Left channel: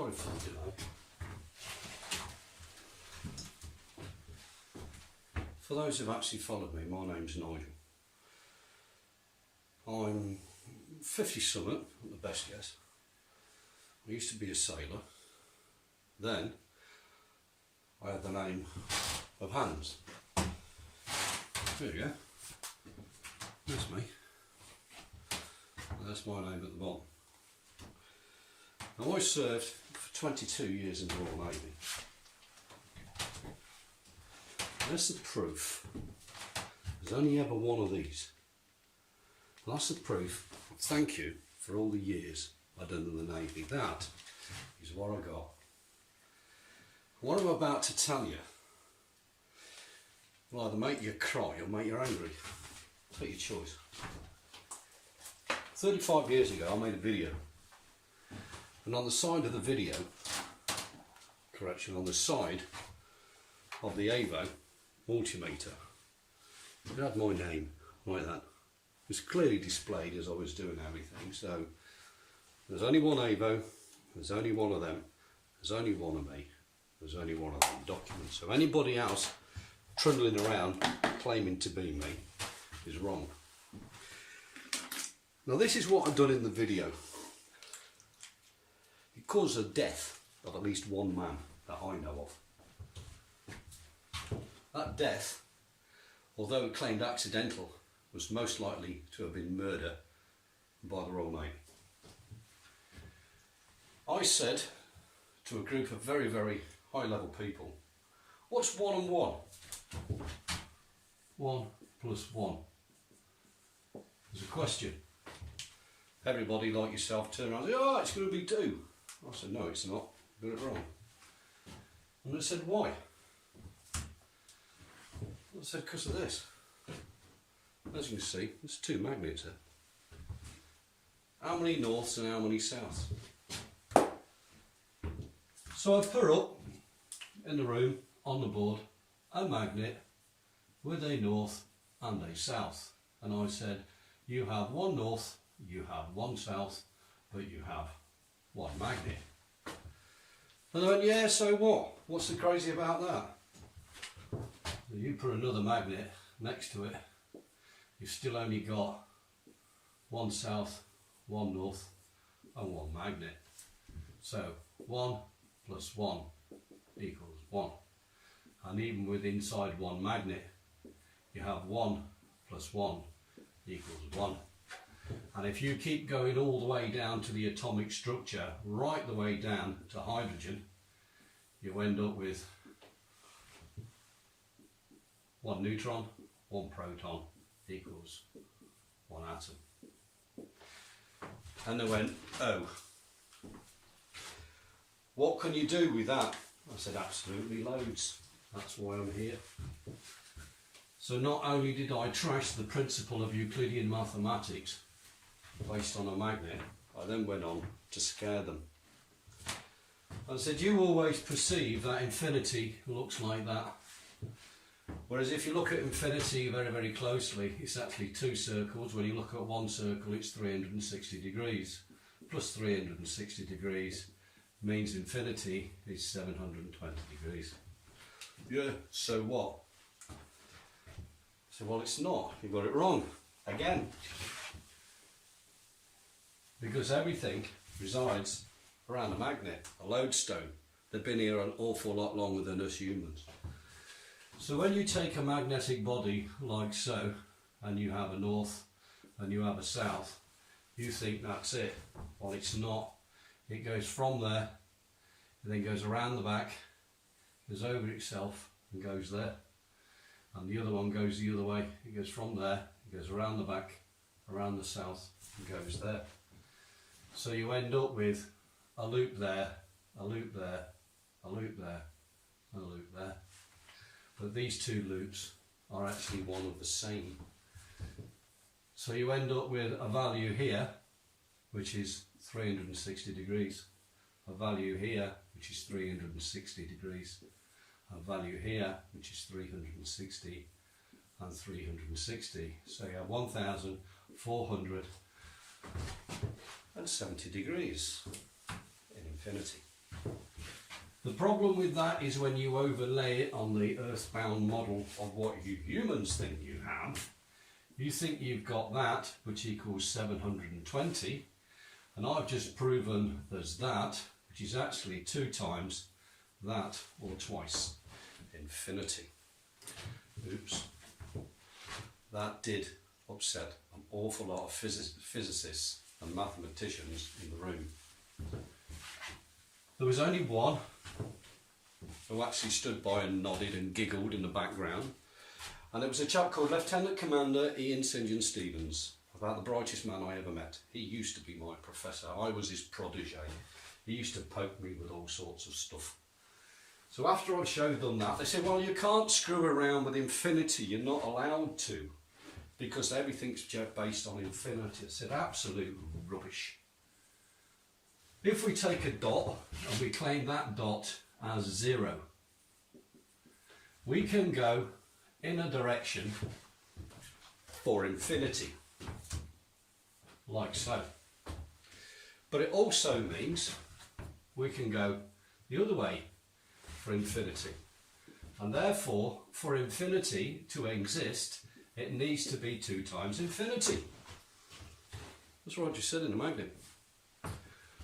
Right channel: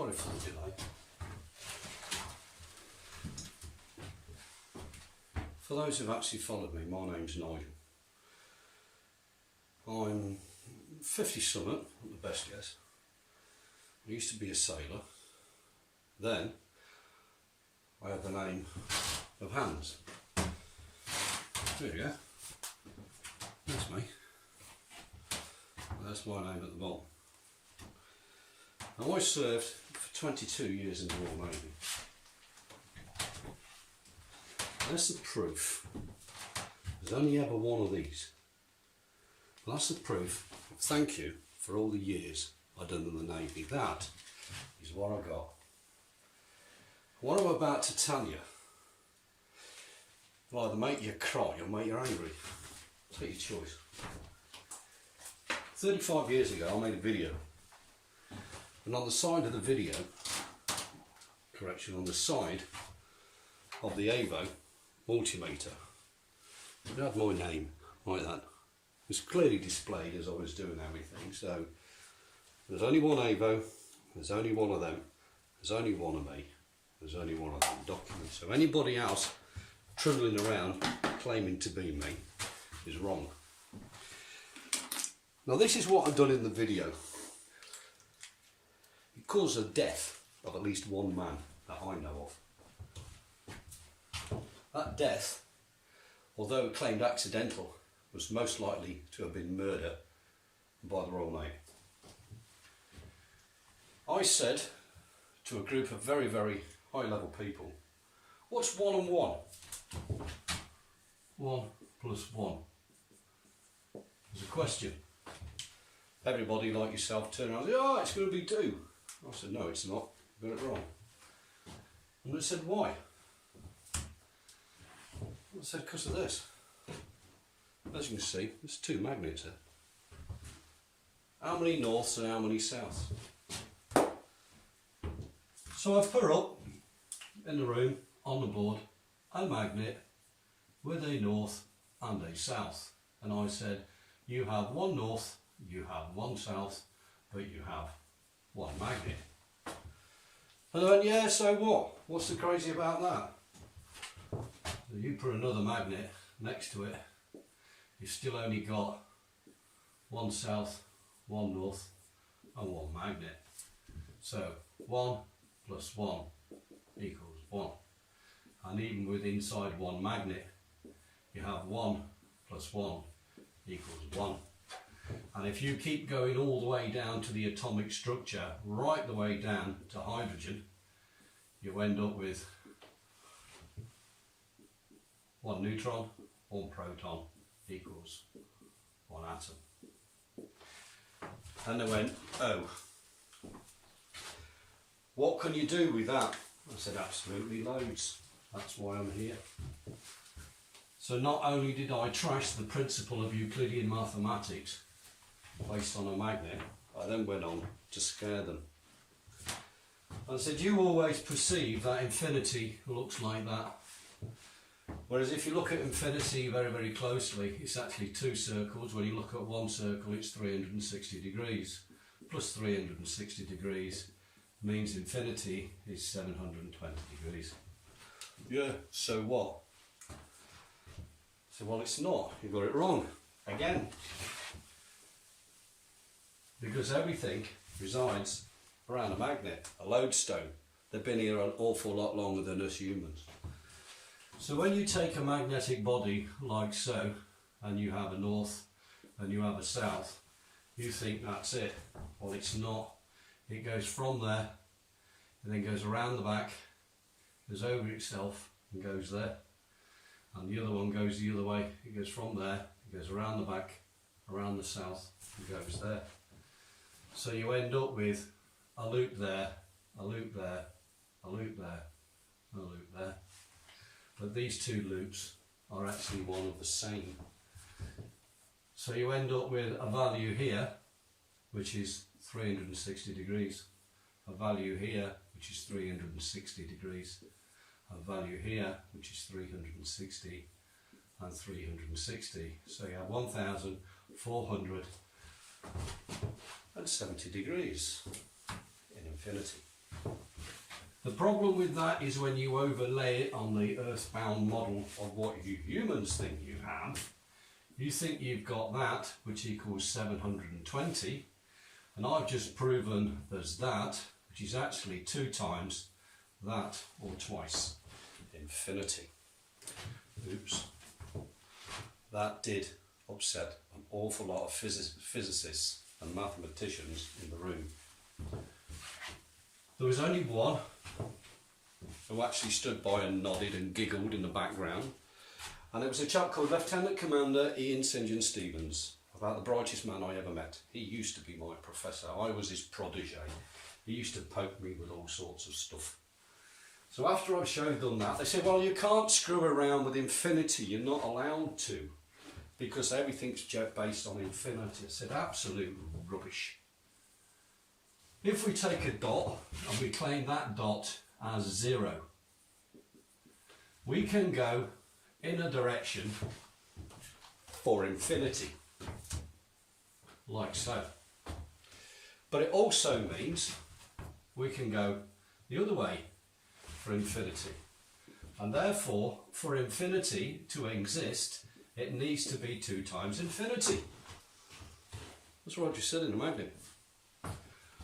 Sorry for the delay. For those who've actually followed me, my name's Nigel. I'm 50 something, at the best guess. I used to be a sailor. Then I had the name of Hans. There you go. That's me. And that's my name at the bottom. Now I served for 22 years in the Royal Navy. That's the proof. There's only ever one of these. Well, that's the proof. Thank you for all the years I've done in the Navy. That is what I got. What I'm about to tell you will either make you cry or make you angry. Take your choice. 35 years ago I made a video, and on the side of the video, on the side of the Avo multimeter, it had my name like that. It was clearly displayed as I was doing everything. So there's only one Avo, there's only one of them, there's only one of me, there's only one of them documents. So anybody else trundling around claiming to be me is wrong. Now this is what I've done in the video. It caused the death of at least one man that I know of. That death, although claimed accidental, was most likely to have been murder by the Royal Navy. I said to a group of very, very high level people, what's 1 and 1? 1 plus 1. There's a question. Everybody like yourself turned around and said, oh, it's going to be 2. I said, no, it's not. You got it wrong. And they said, why? I said, because of this. As you can see, there's 2 magnets here. How many norths and how many souths? So I've put up in the room on the board a magnet with a north and a south. And I said, you have 1 north, you have 1 south, but you have 1 magnet. And I went, yeah, so what? What's so crazy about that? So you put another magnet next to it, you've still only got 1 south, 1 north, and 1 magnet. So 1 plus 1 equals 1. And even with inside 1 magnet, you have 1 plus 1 equals 1. And if you keep going all the way down to the atomic structure, right the way down to hydrogen, you end up with 1 neutron, 1 proton equals 1 atom. And they went, oh, what can you do with that? I said, absolutely loads. That's why I'm here. So not only did I trash the principle of Euclidean mathematics based on a magnet, I then went on to scare them. I said, you always perceive that infinity looks like that. Whereas if you look at infinity very, very closely, it's actually 2 circles. When you look at 1 circle, it's 360 degrees. Plus 360 degrees means infinity is 720 degrees. Yeah, so what? So, well, it's not. You got it wrong. Again. Because everything resides around a magnet, a lodestone. They've been here an awful lot longer than us humans. So when you take a magnetic body like so, and you have a north and you have a south, you think that's it. Well, it's not. It goes from there, and then goes around the back, goes over itself and goes there. And the other one goes the other way. It goes from there, it goes around the back, around the south, and goes there. So you end up with a loop there, a loop there, a loop there, and a loop there. But these 2 loops are actually one of the same. So you end up with a value here, which is 360 degrees, a value here, which is 360 degrees, a value here, which is 360, and 360. So you have 1,470 degrees in infinity. The problem with that is when you overlay it on the earthbound model of what you humans think you have, you think you've got that, which equals 720, and I've just proven there's that, which is actually 2 times that, or twice infinity. Oops. That did upset an awful lot of physicists and mathematicians in the room. There was only one who actually stood by and nodded and giggled in the background, and it was a chap called Lieutenant Commander Ian St John Stevens, about the brightest man I ever met. He used to be my professor. I was his protege. He used to poke me with all sorts of stuff. So after I showed them that, they said, well, you can't screw around with infinity. You're not allowed to, because everything's based on infinity. I said, absolute rubbish. If we take a dot and we claim that dot as 0, we can go in a direction for infinity, like so. But it also means we can go the other way for infinity. And therefore, for infinity to exist, it needs to be 2 times infinity. That's what I just said in a magnet.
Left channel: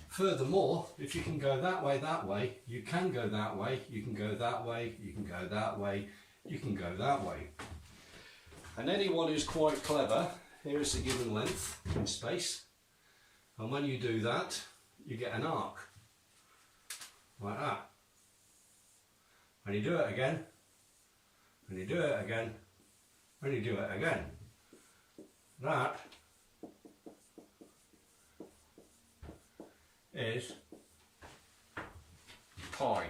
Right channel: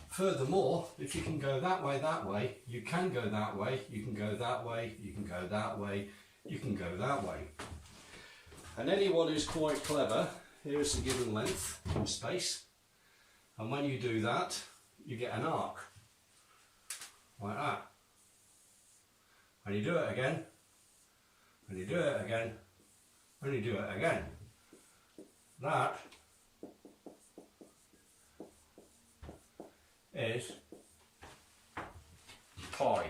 Furthermore, if you can go that way, you can go that way, you can go that way, you can go that way, you can go that way. And anyone who's quite clever, here is the given length in space. And when you do that, you get an arc, like that. And you do it again, and you do it again, and you do it again. That is pi.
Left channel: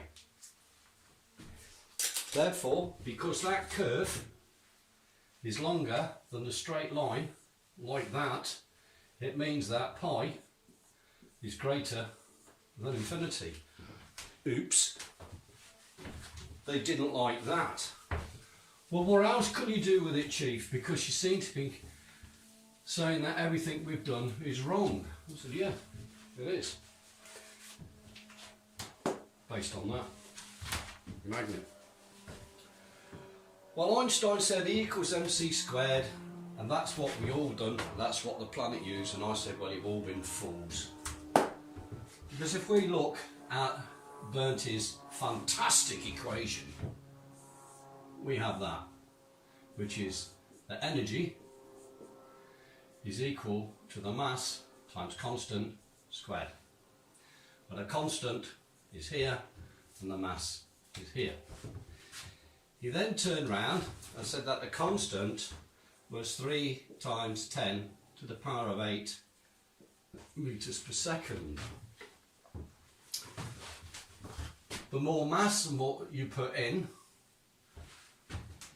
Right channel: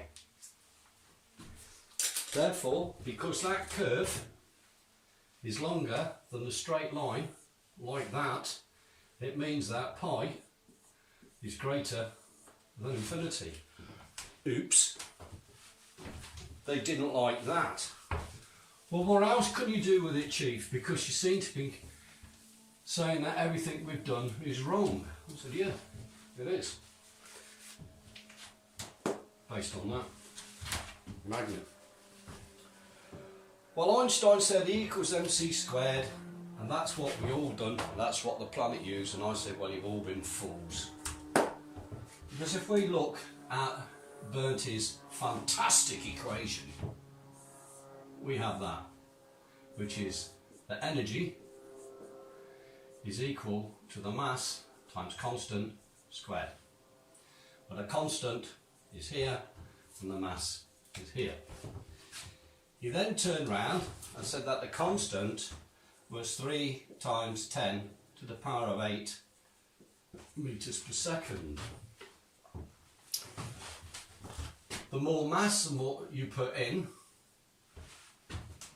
Therefore, because that curve is longer than a straight line, like that, it means that pi is greater than infinity. Oops. They didn't like that. Well, what else can you do with it, Chief? Because you seem to be saying that everything we've done is wrong. I said, yeah, it is. Based on that magnet. Well, Einstein said E equals mc squared, and that's what we all done, and that's what the planet used, and I said, well, you've all been fools. Because if we look at Bernti's fantastic equation, we have that, which is that energy is equal to the mass times constant squared. But a constant is here and the mass is here. He then turned round and said that the constant was 3 times 10 to the power of 8 meters per second. The more mass and more you put in,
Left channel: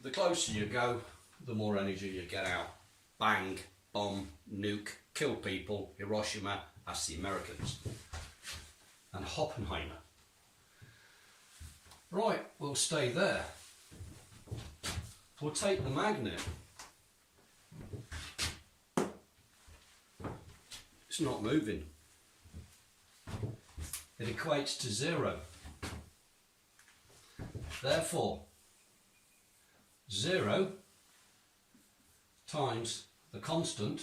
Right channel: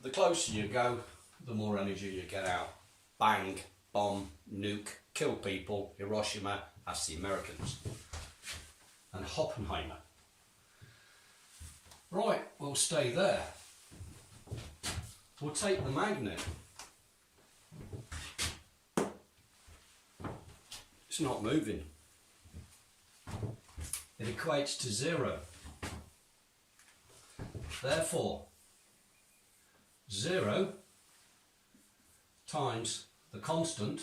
the closer you go, the more energy you get out. Bang, bomb, nuke, kill people, Hiroshima, that's the Americans. And Oppenheimer. Right, we'll stay there. We'll take the magnet. It's not moving. It equates to 0. Therefore, 0 times the constant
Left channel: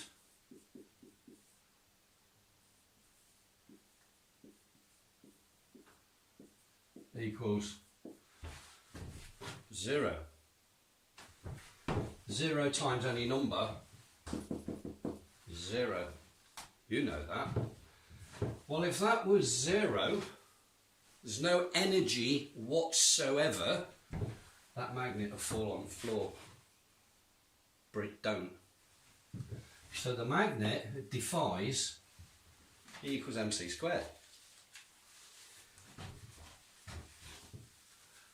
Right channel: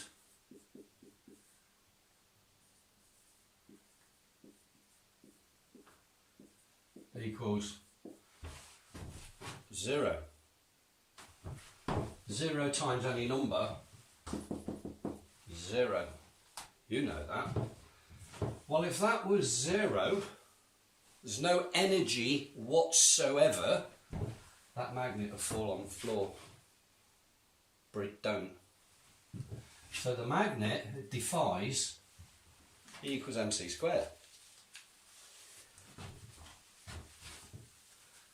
equals 0. 0 times any number, 0. You know that. Well, if that was 0, there's no energy whatsoever, that magnet will fall on the floor. But it don't. So the magnet defies E equals mc squared.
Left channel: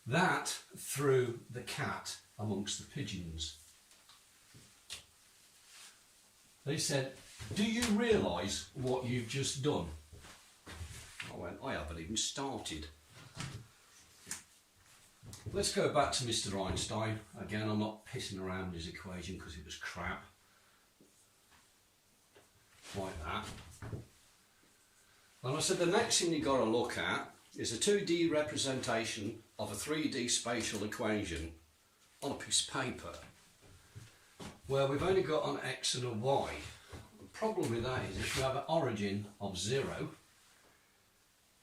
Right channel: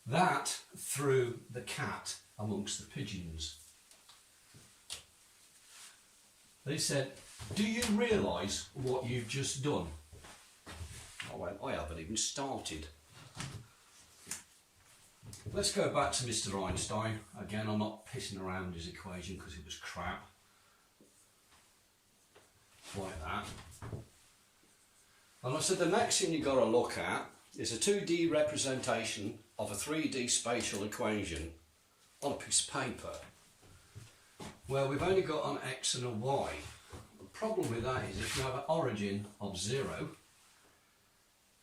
That threw the cat amongst the pigeons. They said, do you realise what you've just done? I went, I haven't even started. Let's go back to Mr. Einstein. Again, I'm not pissing around his equation because it was crap. Like that. And I said, the next thing you've got to look at is a 2D representation of a 3D spatial equation on a piece of paper where we've only got an x and a y. The problem with that is if you have an origin of 0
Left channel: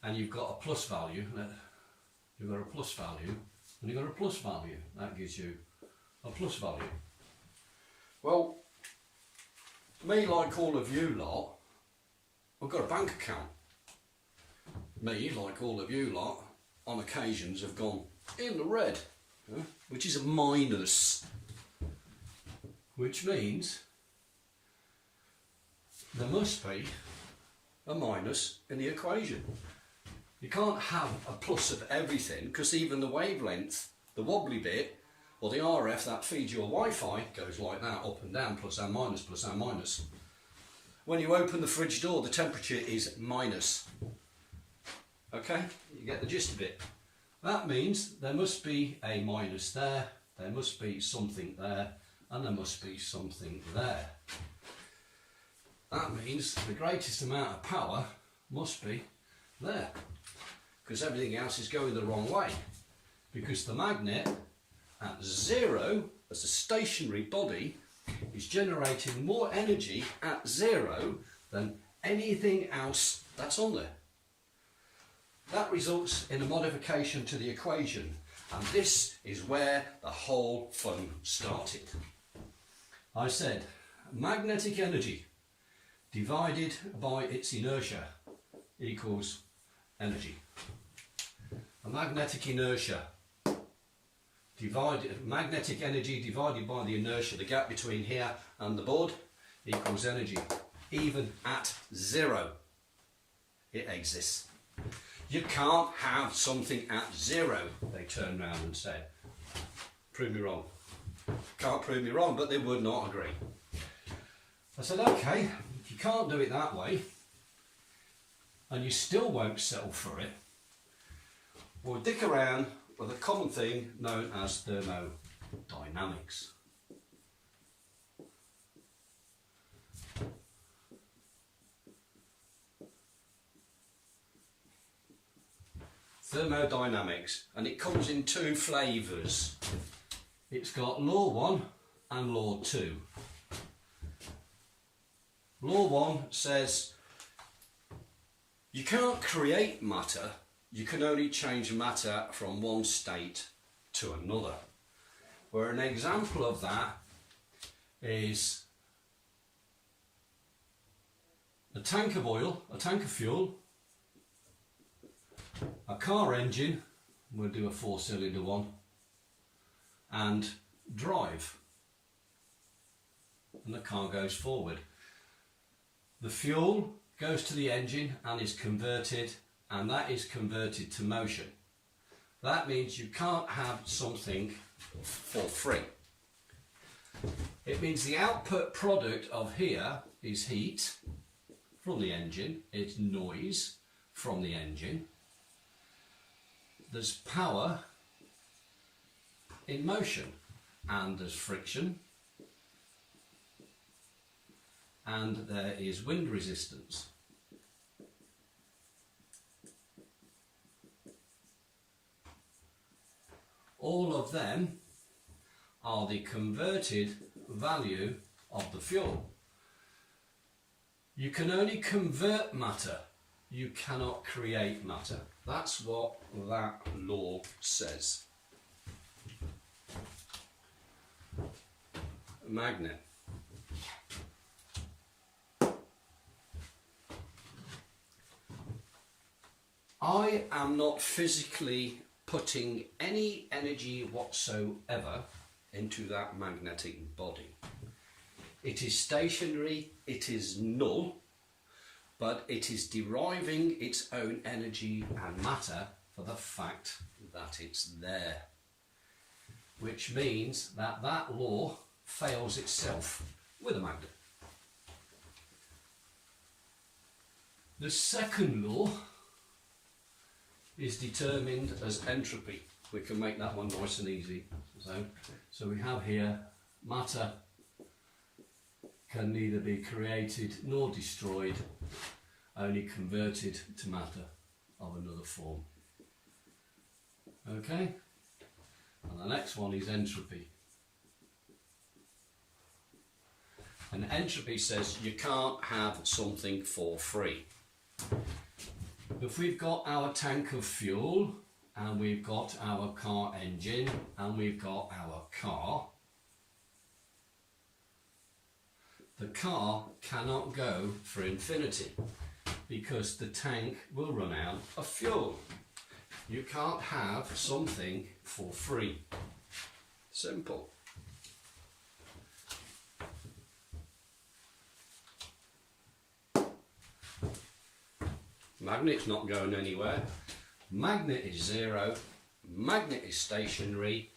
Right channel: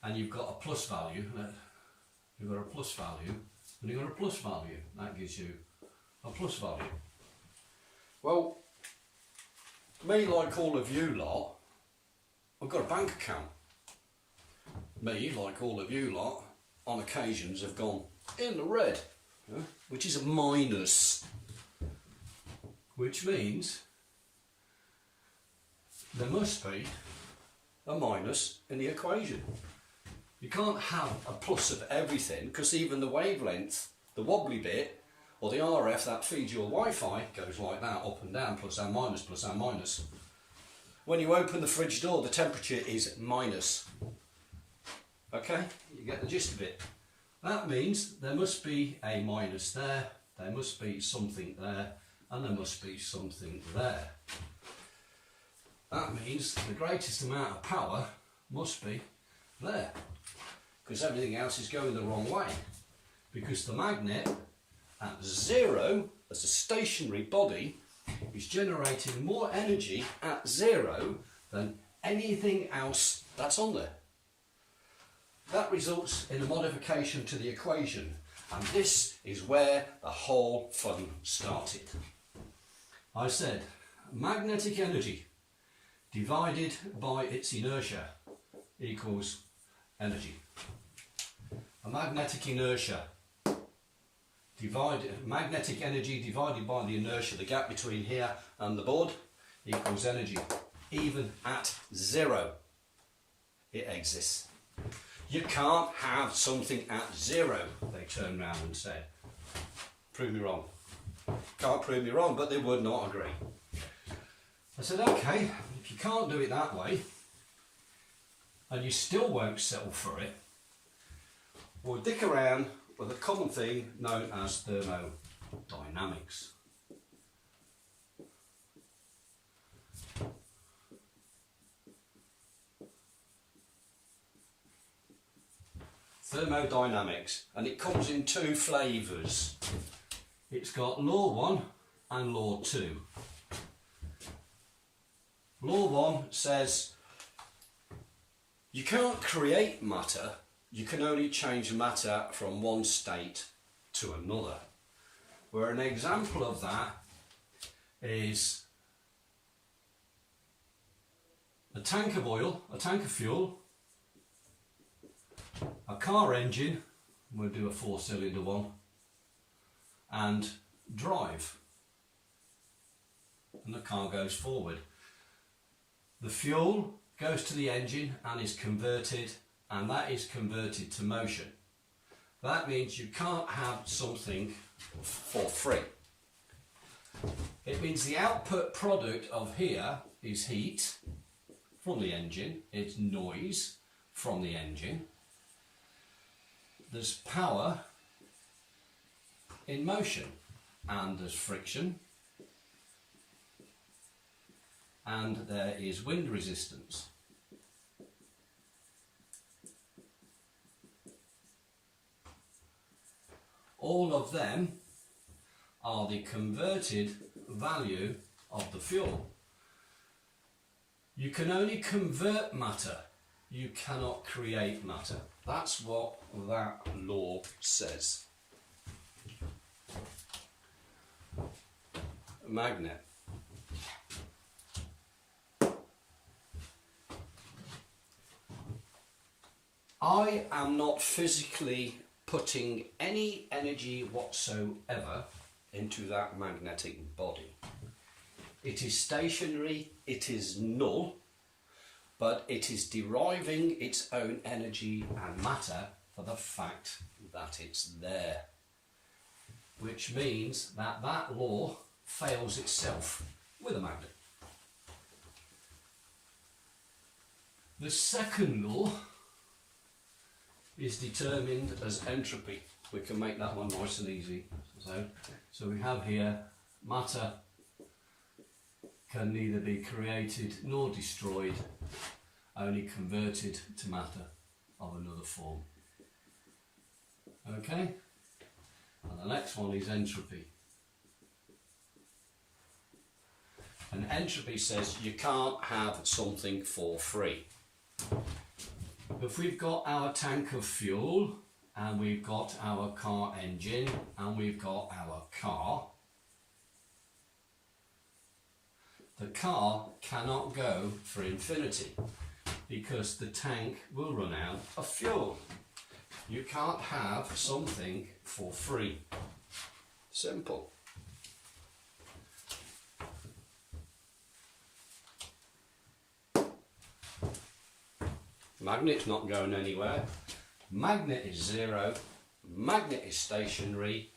and you've got a plus value, and you've got a plus value, that gives you a plus value. Well, me, like all of you lot, I've got a bank account. Me, like all of you lot, on occasions have gone in the red, which is a minus, which means there must be a minus in the equation. You can't have a plus of everything, because even the wavelength, the wobbly bit, or the RF that feeds your Wi-Fi goes like that, up and down, plus and minus, plus and minus. When you open the fridge door, the temperature is minus. Okay, you get the gist of it. That means there must be a minus there, there must be something there, and there must be something there. That means the greatest amount of power must be there, because everything else is going the wrong way. Because the magnet at 0, as a stationary body, is generating more energy at 0 than anything else that's on there. That results in a modification to the equation, and this is where the whole fun started. I said magnetic energy divided by its inertia equals energy. A magnetic inertia magnetic energy divided by the inertia, the gap between here and the board, equals energy. Even at 0, it exists. You can't have something at 0, they turned round and said. Prove me wrong. Can't prove me wrong, but they would not agree. I said, okay, if you can't do it that way, and you still won't settle for it, we'll dick around with a common thing known as thermodynamics. Thermodynamics, and it comes in 2 flavours. It's got law 1 and law 2. Law 1 says you can't create matter, you can only change matter from one state to another. Where an example of that is a tank of oil, a tank of fuel, a car engine, we'll do a 4-cylinder one, and drive, and the car goes forward. The fuel goes to the engine and is converted, and that is converted to motion. That means you can't have something for free. It means the output product of here is heat from the engine, it's noise from the engine, there's power in motion, and there's friction, and there is wind resistance. All of them are the converted value of the fuel. You can only convert matter, you cannot create matter. That's what that law says. A magnet. I am not physically putting any energy whatsoever into that magnetic body. It is stationary, it is null, but it is deriving its own energy and matter for the fact that it's there. Which means that that law fails itself with a magnet. The second law is determined as entropy. We can make that one nice and easy. So we have here matter can neither be created nor destroyed, only converted to matter of another form. Okay? And the next one is entropy. And entropy says you can't have something for free. If we've got our tank of fuel, and we've got our car engine, and we've got our car, the car cannot go for infinity because the tank will run out of fuel. You can't have something for free. Simple. Magnet's not going anywhere. Magnet is zero. Magnet is stationary.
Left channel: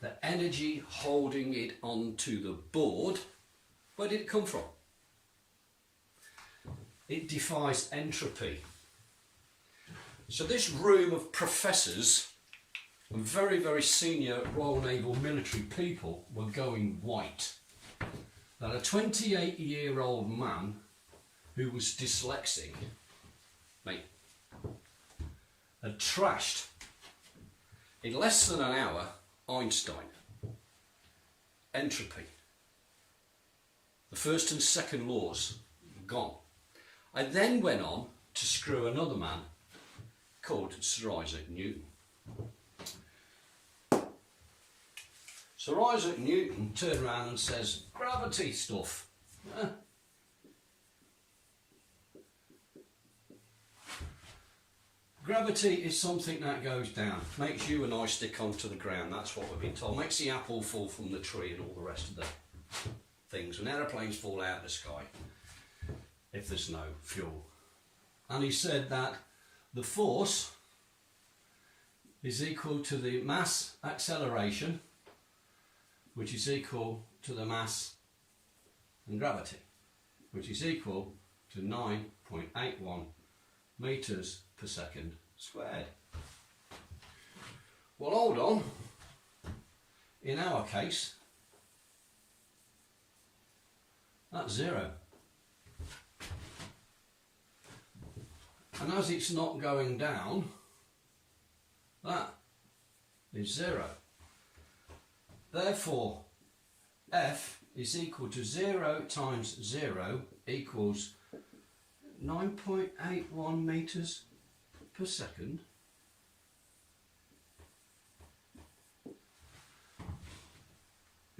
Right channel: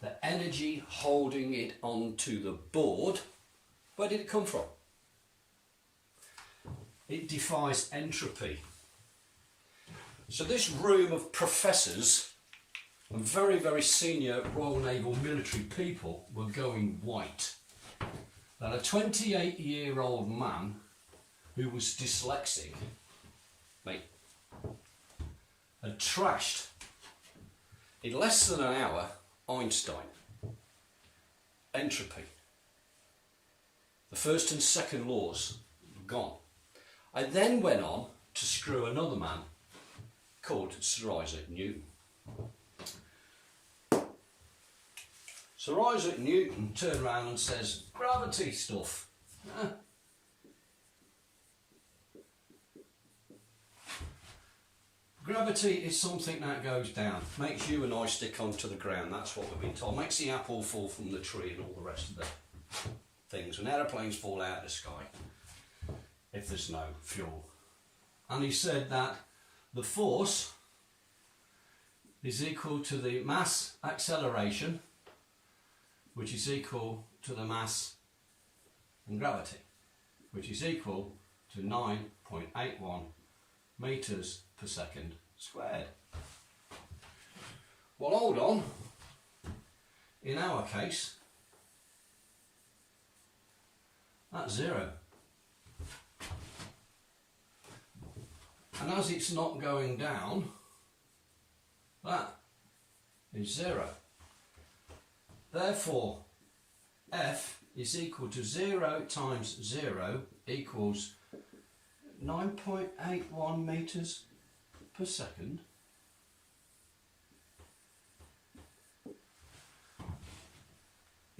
The energy holding it onto the board, where did it come from? It defies entropy. So this room of professors and very, very senior Royal Naval military people were going white. That a 28-year-old man who was dyslexic, mate, had trashed in less than an hour Einstein, entropy. The first and second laws gone. I then went on to screw another man called Sir Isaac Newton. Sir Isaac Newton turned around and says, gravity stuff. Gravity is something that goes down, makes you and I stick onto the ground, that's what we've been told. Makes the apple fall from the tree and all the rest of the things. When aeroplanes fall out of the sky, if there's no fuel. And he said that the force is equal to the mass acceleration, which is equal to the mass and gravity, which is equal to 9.81 metres per second squared. Well, hold on. In our case, that's zero. And as it's not going down, that is zero. Therefore, F is equal to 0 times 0 equals 9.81 metres per second.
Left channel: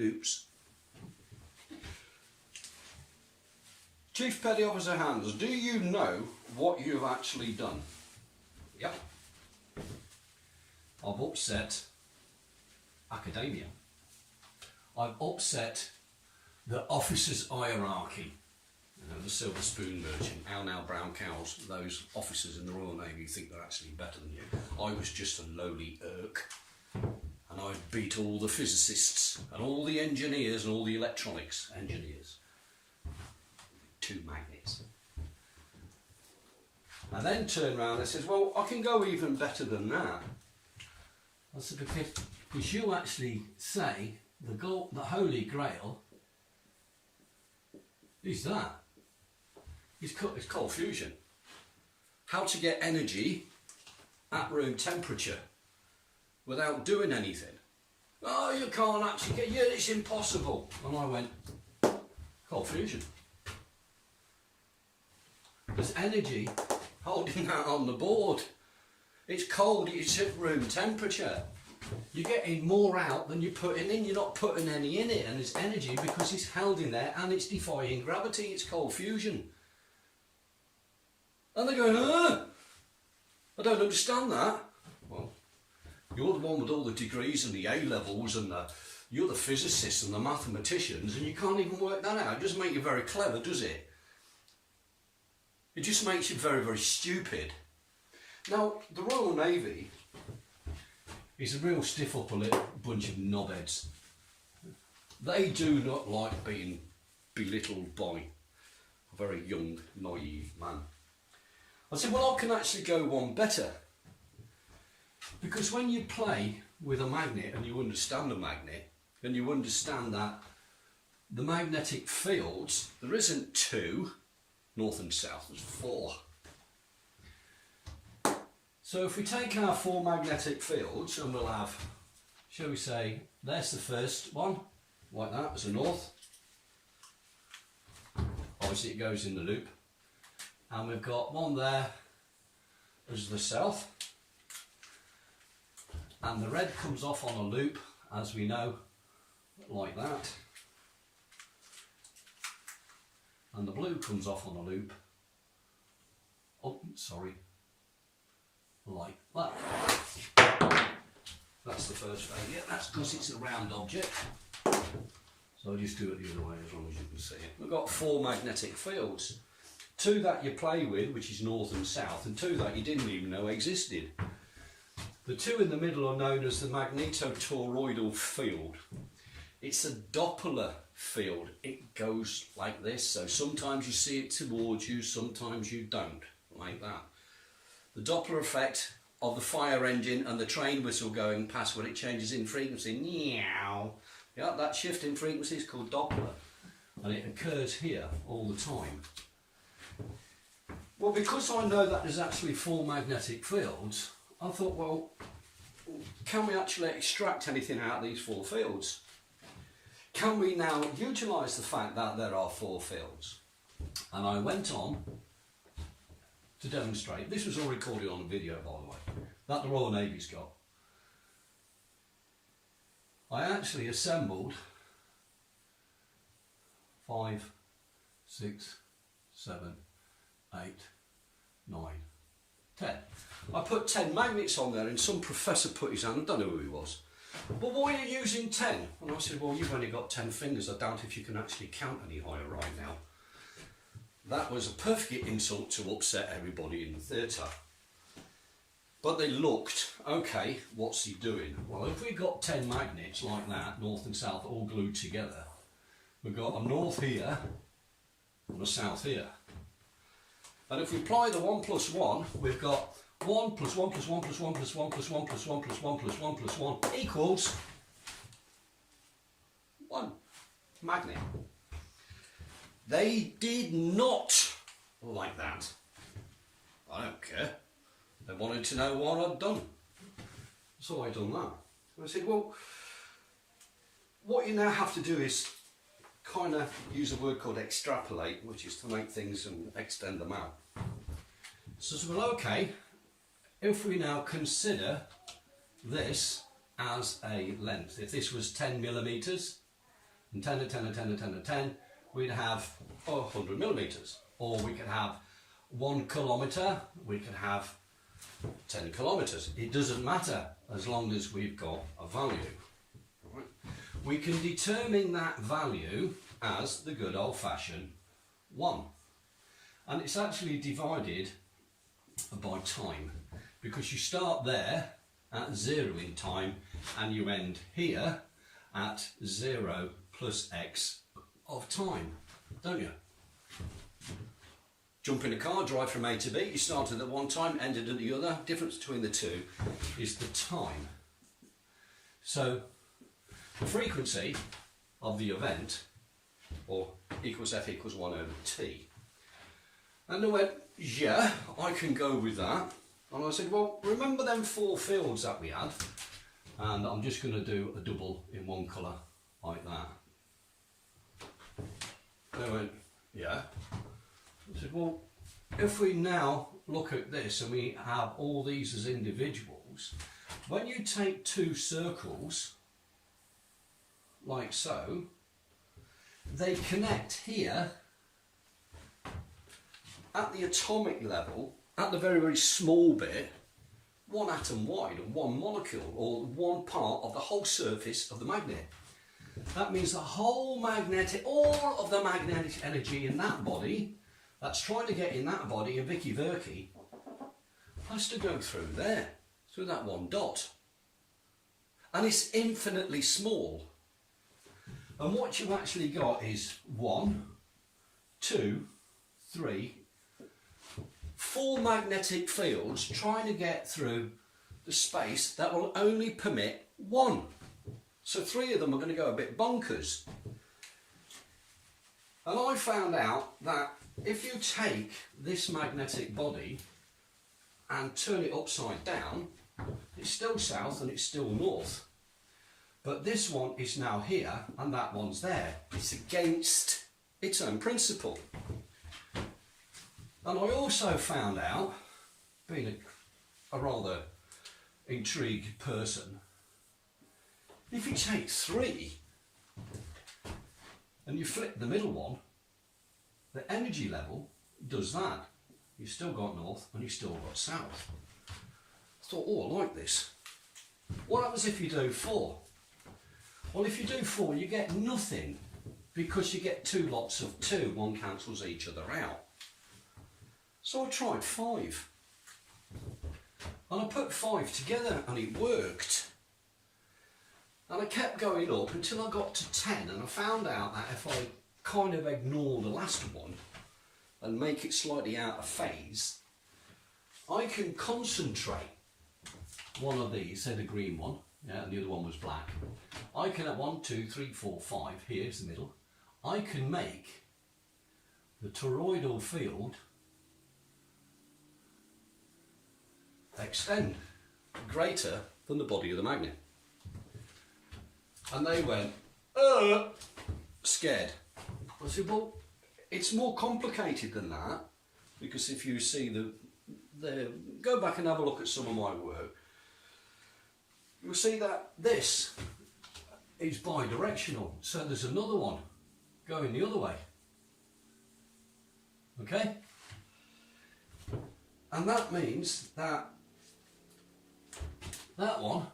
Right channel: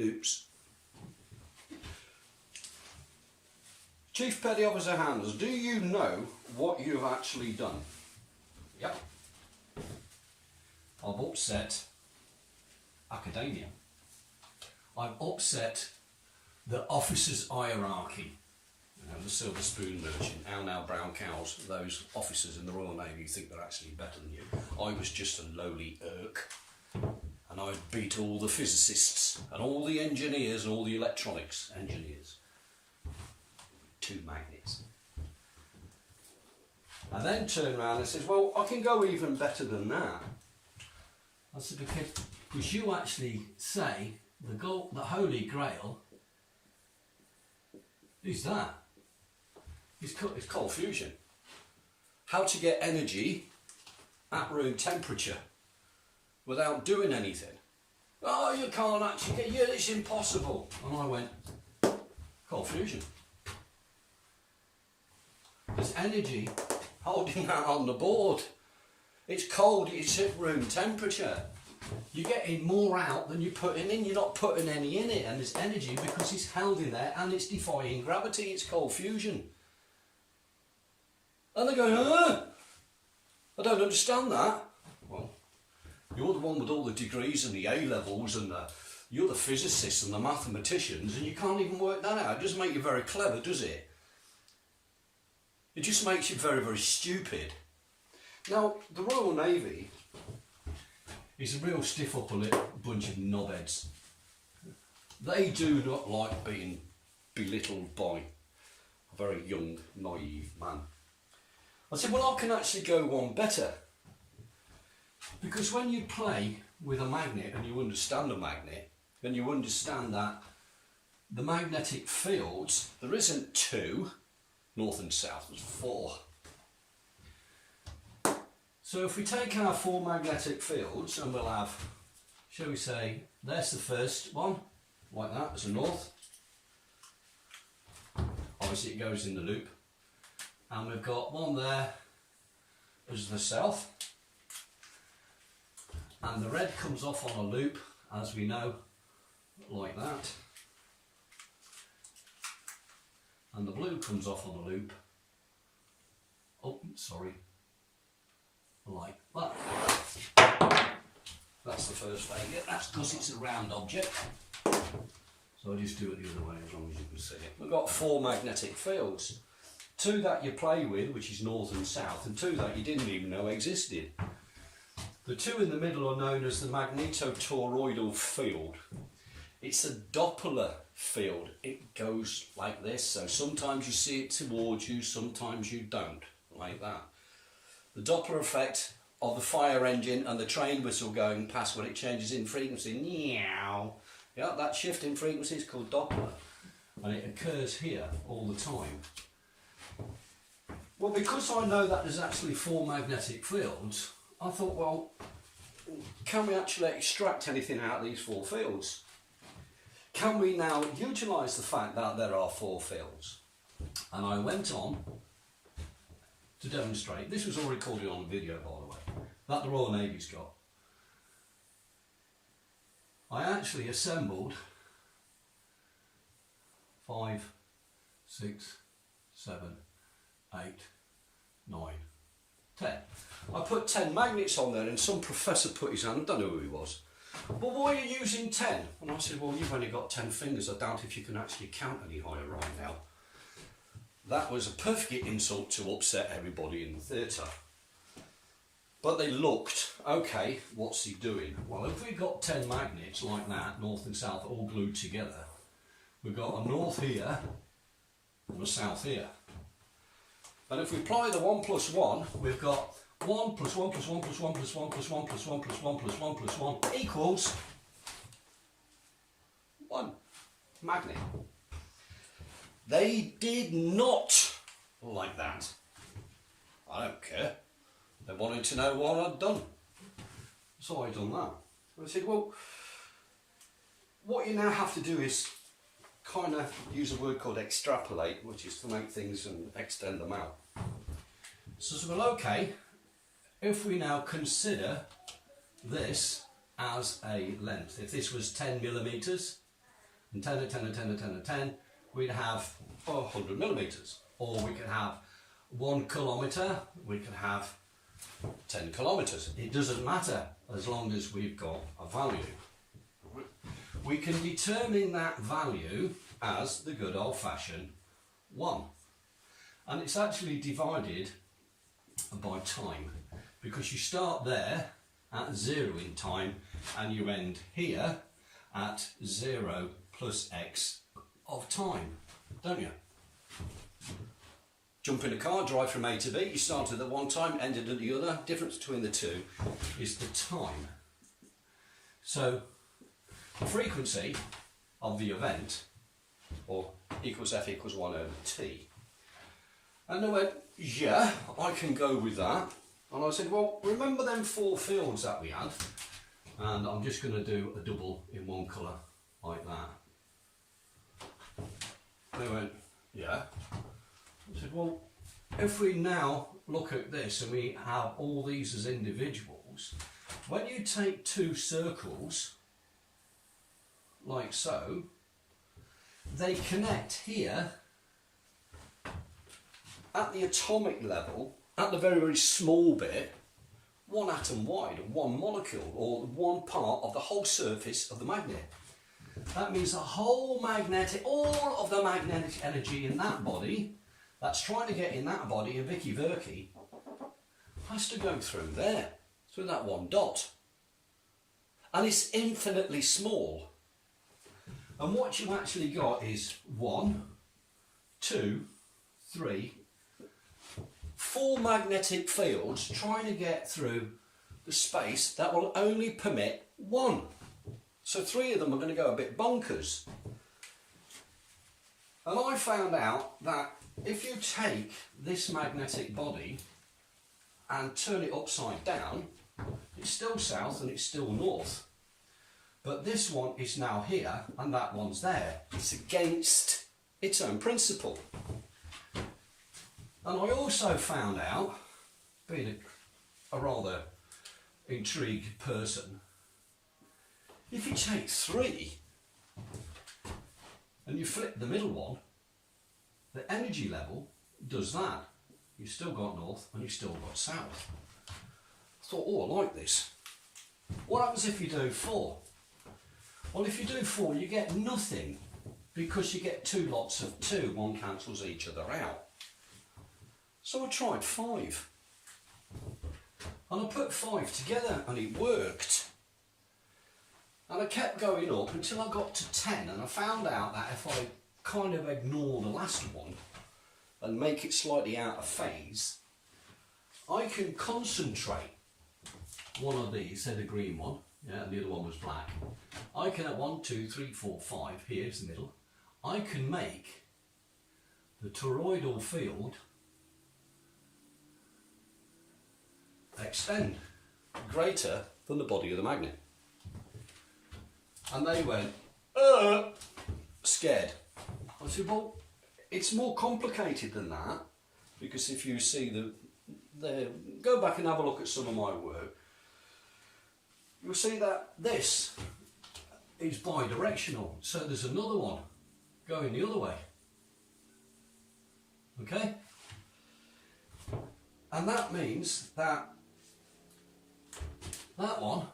Oops. Chief Petty Officer Hans, do you know what you've actually done? Yep. I've upset academia. I've upset the officers' hierarchy. You know, the silver spoon merchant, how now brown cows, those officers in the Royal Navy who think they're actually better than you. I was just a lowly irk, and I beat all the physicists and all the engineers and all the electronics engineers. 2 magnets. I then turned around and says, well, I can go even better than that. I said, because you actually say the Holy Grail is that. It's cold fusion. How to get energy at room temperature without doing anything. Oh, you can't actually get, yeah, it's impossible. And I went, cold fusion. There's energy holding that on the board. It's cold, it's at room temperature. You're getting more out than you're putting in. You're not putting any in it, and there's energy because it's held in there and it's defying gravity. It's cold fusion. And they go, I don't understand that. Well, you're the one with all the degrees and the A-levels and you're the physicists and the mathematicians, and you can't even work that out. It doesn't make you very clever, does it? It just makes you very, very stupid. Now, the Royal Navy is a real stiff upper lip bunch of knobheads. They do not like being belittled by a very young, naive man. I said, well, I can actually go one better. Because when you play with a magnet and you understand a magnet, and you understand that the magnetic fields, there isn't 2, north and south, there's 4. So if we take our four magnetic fields, and we'll have, shall we say, there's the first one, like that, as a north. Obviously it goes in the loop. And we've got one there as the south. And the red comes off on a loop, as we know, like that. And the blue comes off on a loop, oh, sorry, like that. That's the first failure. That's because it's a round object. So I'll just do it the other way as long as you can see it. We've got four magnetic fields. Two that you play with, which is north and south, and two that you didn't even know existed. The two in the middle are known as the magnetotoroidal field. It's a Doppler field. It goes like this, so sometimes you see it towards you, sometimes you don't, like that. The Doppler effect of the fire engine and the train whistle going past when it changes in frequency, meow. Yeah, that shift in frequency is called Doppler, and it occurs here all the time. Well, because I know that there's actually four magnetic fields, I thought, well, can we actually extract anything out of these four fields? Can we now utilise the fact that there are four fields? And I went on to demonstrate, this was all recorded on a video by the way, that the Royal Navy's got. I actually assembled 5, 6, 7, 8, 9, 10. I put 10 magnets on there and some professor put his hand, I don't know who he was. But why are you using 10? And I said, well, you've only got 10 fingers. I doubt if you can actually count any higher right now. That was a perfect insult to upset everybody in the theatre. But they looked, okay, what's he doing? Well, if we got 10 magnets like that, north and south, all glued together, we've got a north here and a south here. And if we apply the 1 plus 1, we've got 1 plus 1 plus 1 plus 1 plus 1 plus 1 plus 1 plus 1 plus 1 plus 1 equals 1 magnet. They did not like that. I don't care. They wanted to know what I'd done. So I done that. I said, well, what you now have to do is kind of use a word called extrapolate, which is to make things and extend them out. So, well, okay, if we now consider this as a length, if this was 10 millimetres, and 10 and 10 and 10 and 10 and 10, we'd have 100 millimetres. Or we could have 1 kilometre, we could have 10 kilometres. It doesn't matter as long as we've got a value. We can determine that value as the good old-fashioned 1. And it's actually divided by time, because you start there at 0 in time and you end here at 0 plus x of time, don't you? Jump in a car, drive from A to B, you started at one time, ended at the other. Difference between the two is the time. So the frequency of the event, or equals F equals 1 over T. And I went, yeah, I can go with that. And I said, well, remember them 4 fields that we had? And I'm just going to do a double in one colour like that. They went, yeah. I said, well, if we now look at this and we have all these as individuals, when you take 2 circles, like so, they connect here at the atomic level, at the very, very small bit, 1 atom wide, or 1 molecule, or 1 part of the whole surface of the magnet. That means the whole magnetic, all of the magnetic energy in that body, that's trying to get in that body, in Vicky Verky, has to go through there, through that 1 dot. And it's infinitely small. And what you actually got is 1, 2, 3, 4 magnetic fields trying to get through the space that will only permit 1. So 3 of them are going to go a bit bonkers. And I found out that if you take this magnetic body and turn it upside down, it's still south and it's still north. But this one is now here and that one's there. It's against its own principle. And I also found out, being a rather intrigued person, if you take 3 and you flip the middle one, the energy level does that. You've still got north and you've still got south. I thought, oh, I like this. What happens if you do 4? Well, if you do 4, you get nothing because you get 2 lots of 2. One cancels each other out. So I tried 5. And I put 5 together and it worked. And I kept going up until I got to 10, and I found out that if I kind of ignore the last one and make it slightly out of phase, I can concentrate one of these, say the green one, yeah, and the other one was black. I can at 1, 2, 3, 4, 5, here's the middle, I can make the toroidal field extend greater than the body of the magnet. And they went, scared. I said, well, it's more complicated than that, because if you see go back and have a look at some of my work, you'll see that this is bidirectional. So there's another one going the other way. Okay? And that means that that one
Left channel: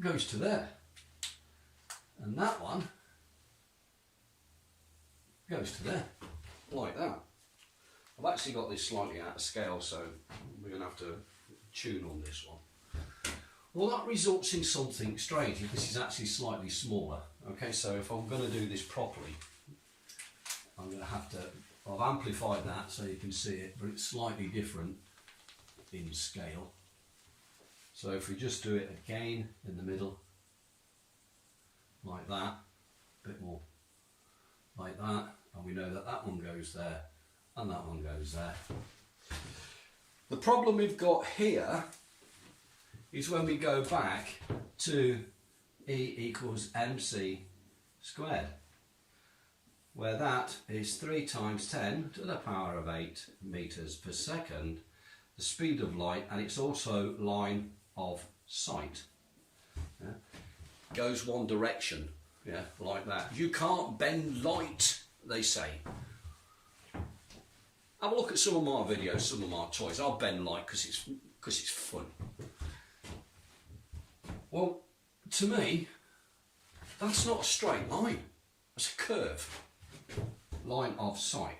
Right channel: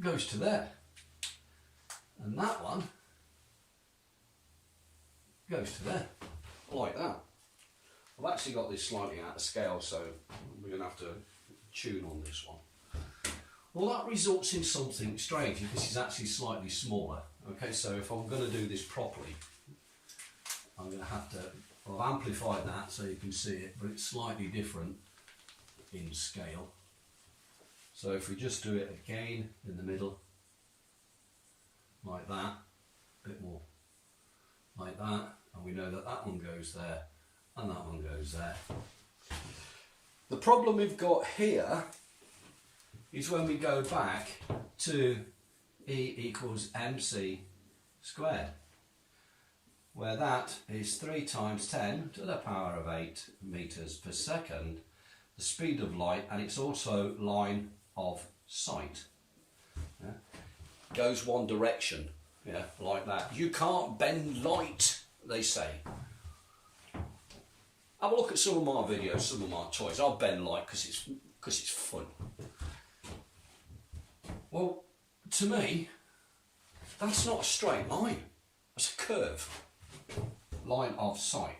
goes to there, and that one goes to there, like that. I've actually got this slightly out of scale, so we're going to have to tune on this one. Well, that results in something strange. This is actually slightly smaller. Okay, so if I'm going to do this properly, I'm going to have to, I've amplified that so you can see it, but it's slightly different in scale. So if we just do it again in the middle, like that, a bit more like that, and we know that that one goes there and that one goes there. The problem we've got here is when we go back to E equals mc squared, where that is 3 times 10 to the power of 8 meters per second, the speed of light, and it's also line of sight. Yeah? Goes one direction, yeah, like that. You can't bend light, they say. Have a look at some of my videos, some of my toys. I'll bend light because it's fun. Well, to me, that's not a straight line. That's a curve. Line of sight.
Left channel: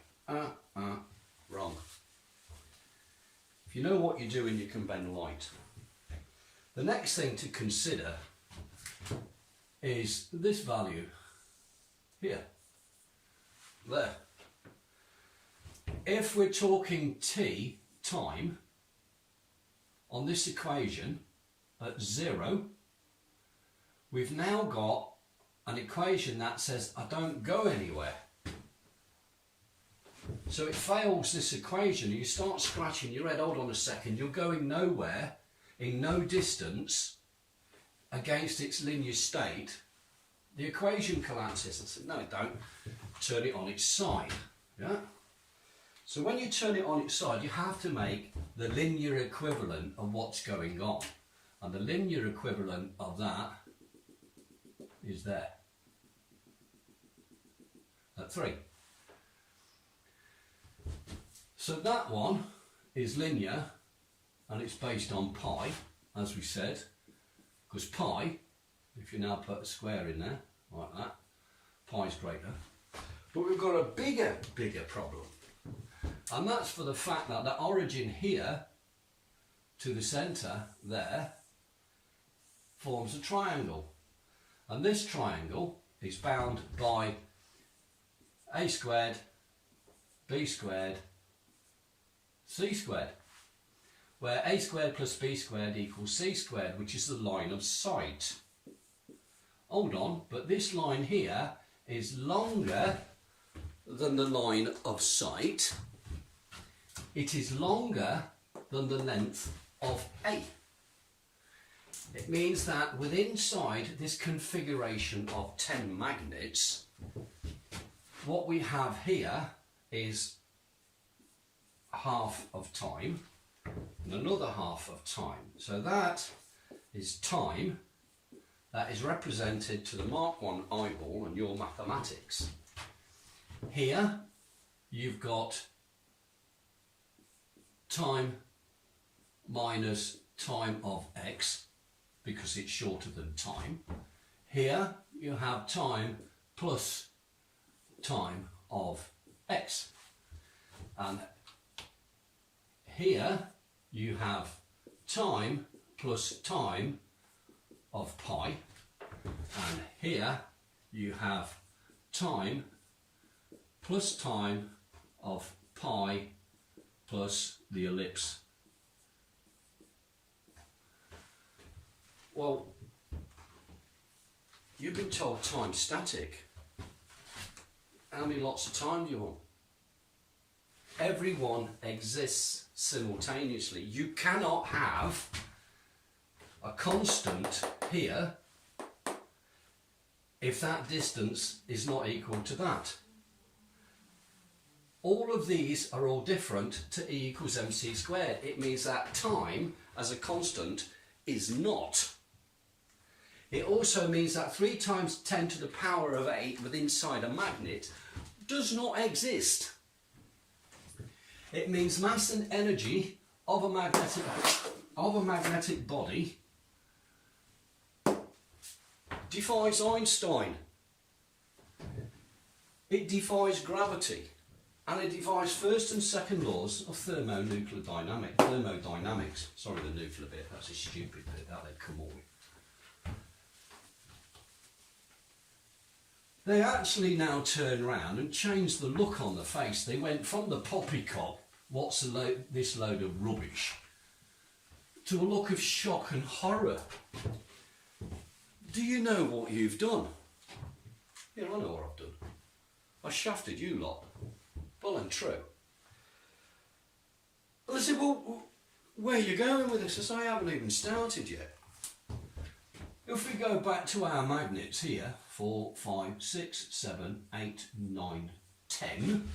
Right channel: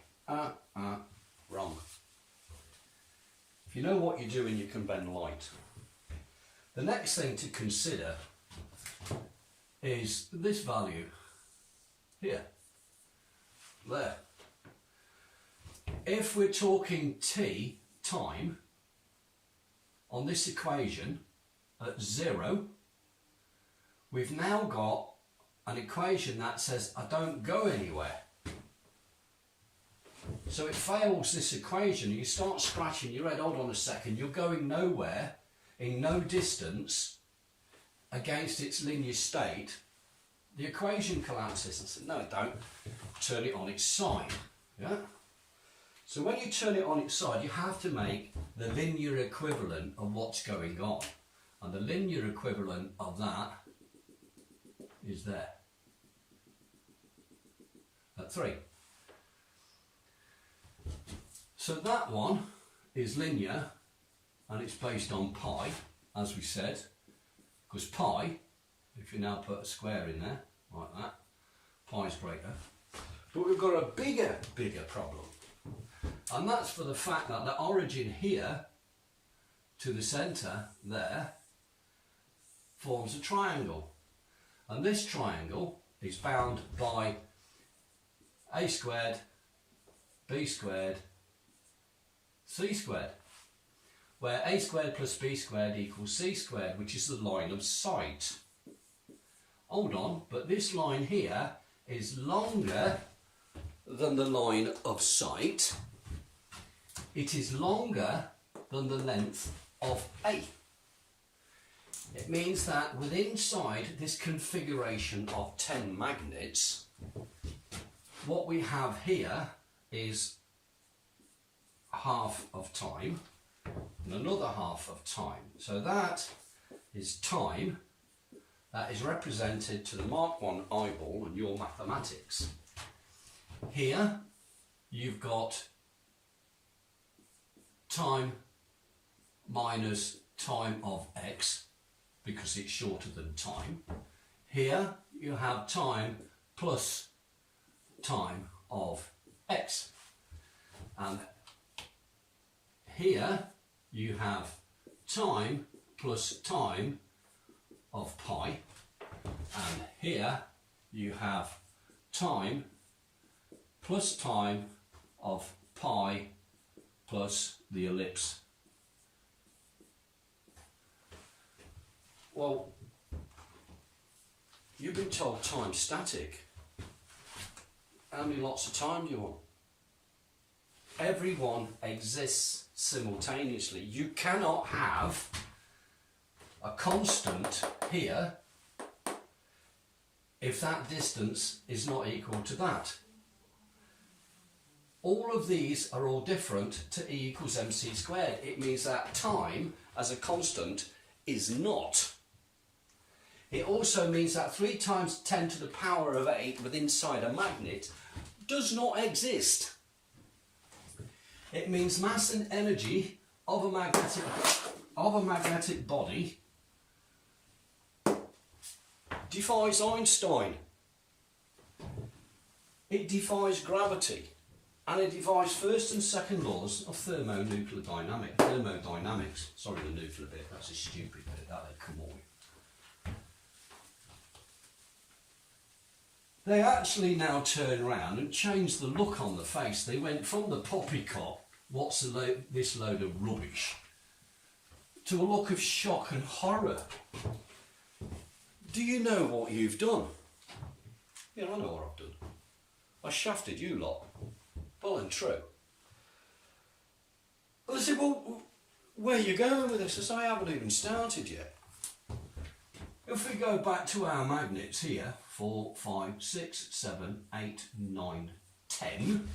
Wrong. If you know what you're doing, you can bend light. The next thing to consider is this value here, there. If we're talking t, time, on this equation at 0, we've now got an equation that says I don't go anywhere. So it fails this equation. You start scratching your head, hold on a second, you're going nowhere, in no distance, against its linear state. The equation collapses. I said, no it don't. Turn it on its side. Yeah? So when you turn it on its side, you have to make the linear equivalent of what's going on. And the linear equivalent of that is there. At 3. So that one is linear, and it's based on pi, as we said, because pi, if you now put a square in there, like that, pi is greater. But we've got a bigger problem. And that's for the fact that the origin here to the centre there forms a triangle. And this triangle is bound by a squared, b squared, c squared, where a squared plus b squared equals c squared, which is the line of sight. Hold on, but this line here is longer than the line of sight, it is longer than the length of A. It means that within inside this configuration of 10 magnets, what we have here is half of time and another half of time. So that is time that is represented to the Mark 1 eyeball and your mathematics. Here you've got time minus time of x because it's shorter than time. Here you have time plus time of x. And here you have time plus time of pi. And here you have time plus time of pi plus the ellipse. Well, you've been told time's static. How many lots of time do you want? Everyone exists simultaneously. You cannot have a constant here if that distance is not equal to that. All of these are all different to E equals mc squared. It means that time as a constant is not. It also means that 3 times 10 to the power of 8 within inside a magnet does not exist. It means mass and energy of a magnetic body defies Einstein. It defies gravity, and it defies first and second laws of thermodynamics. Sorry, the nuclear bit, that's a stupid bit that they've come all with. They actually now turn around and change the look on the face. They went from the poppycock, what's this load of rubbish, to a look of shock and horror. Do you know what you've done? Yeah, I know what I've done. I shafted you lot. Well and true. Well, I said, well, where are you going with this? I said, I haven't even started yet. If we go back to our magnets here, 4, 5, 6, 7, 8, 9, 10,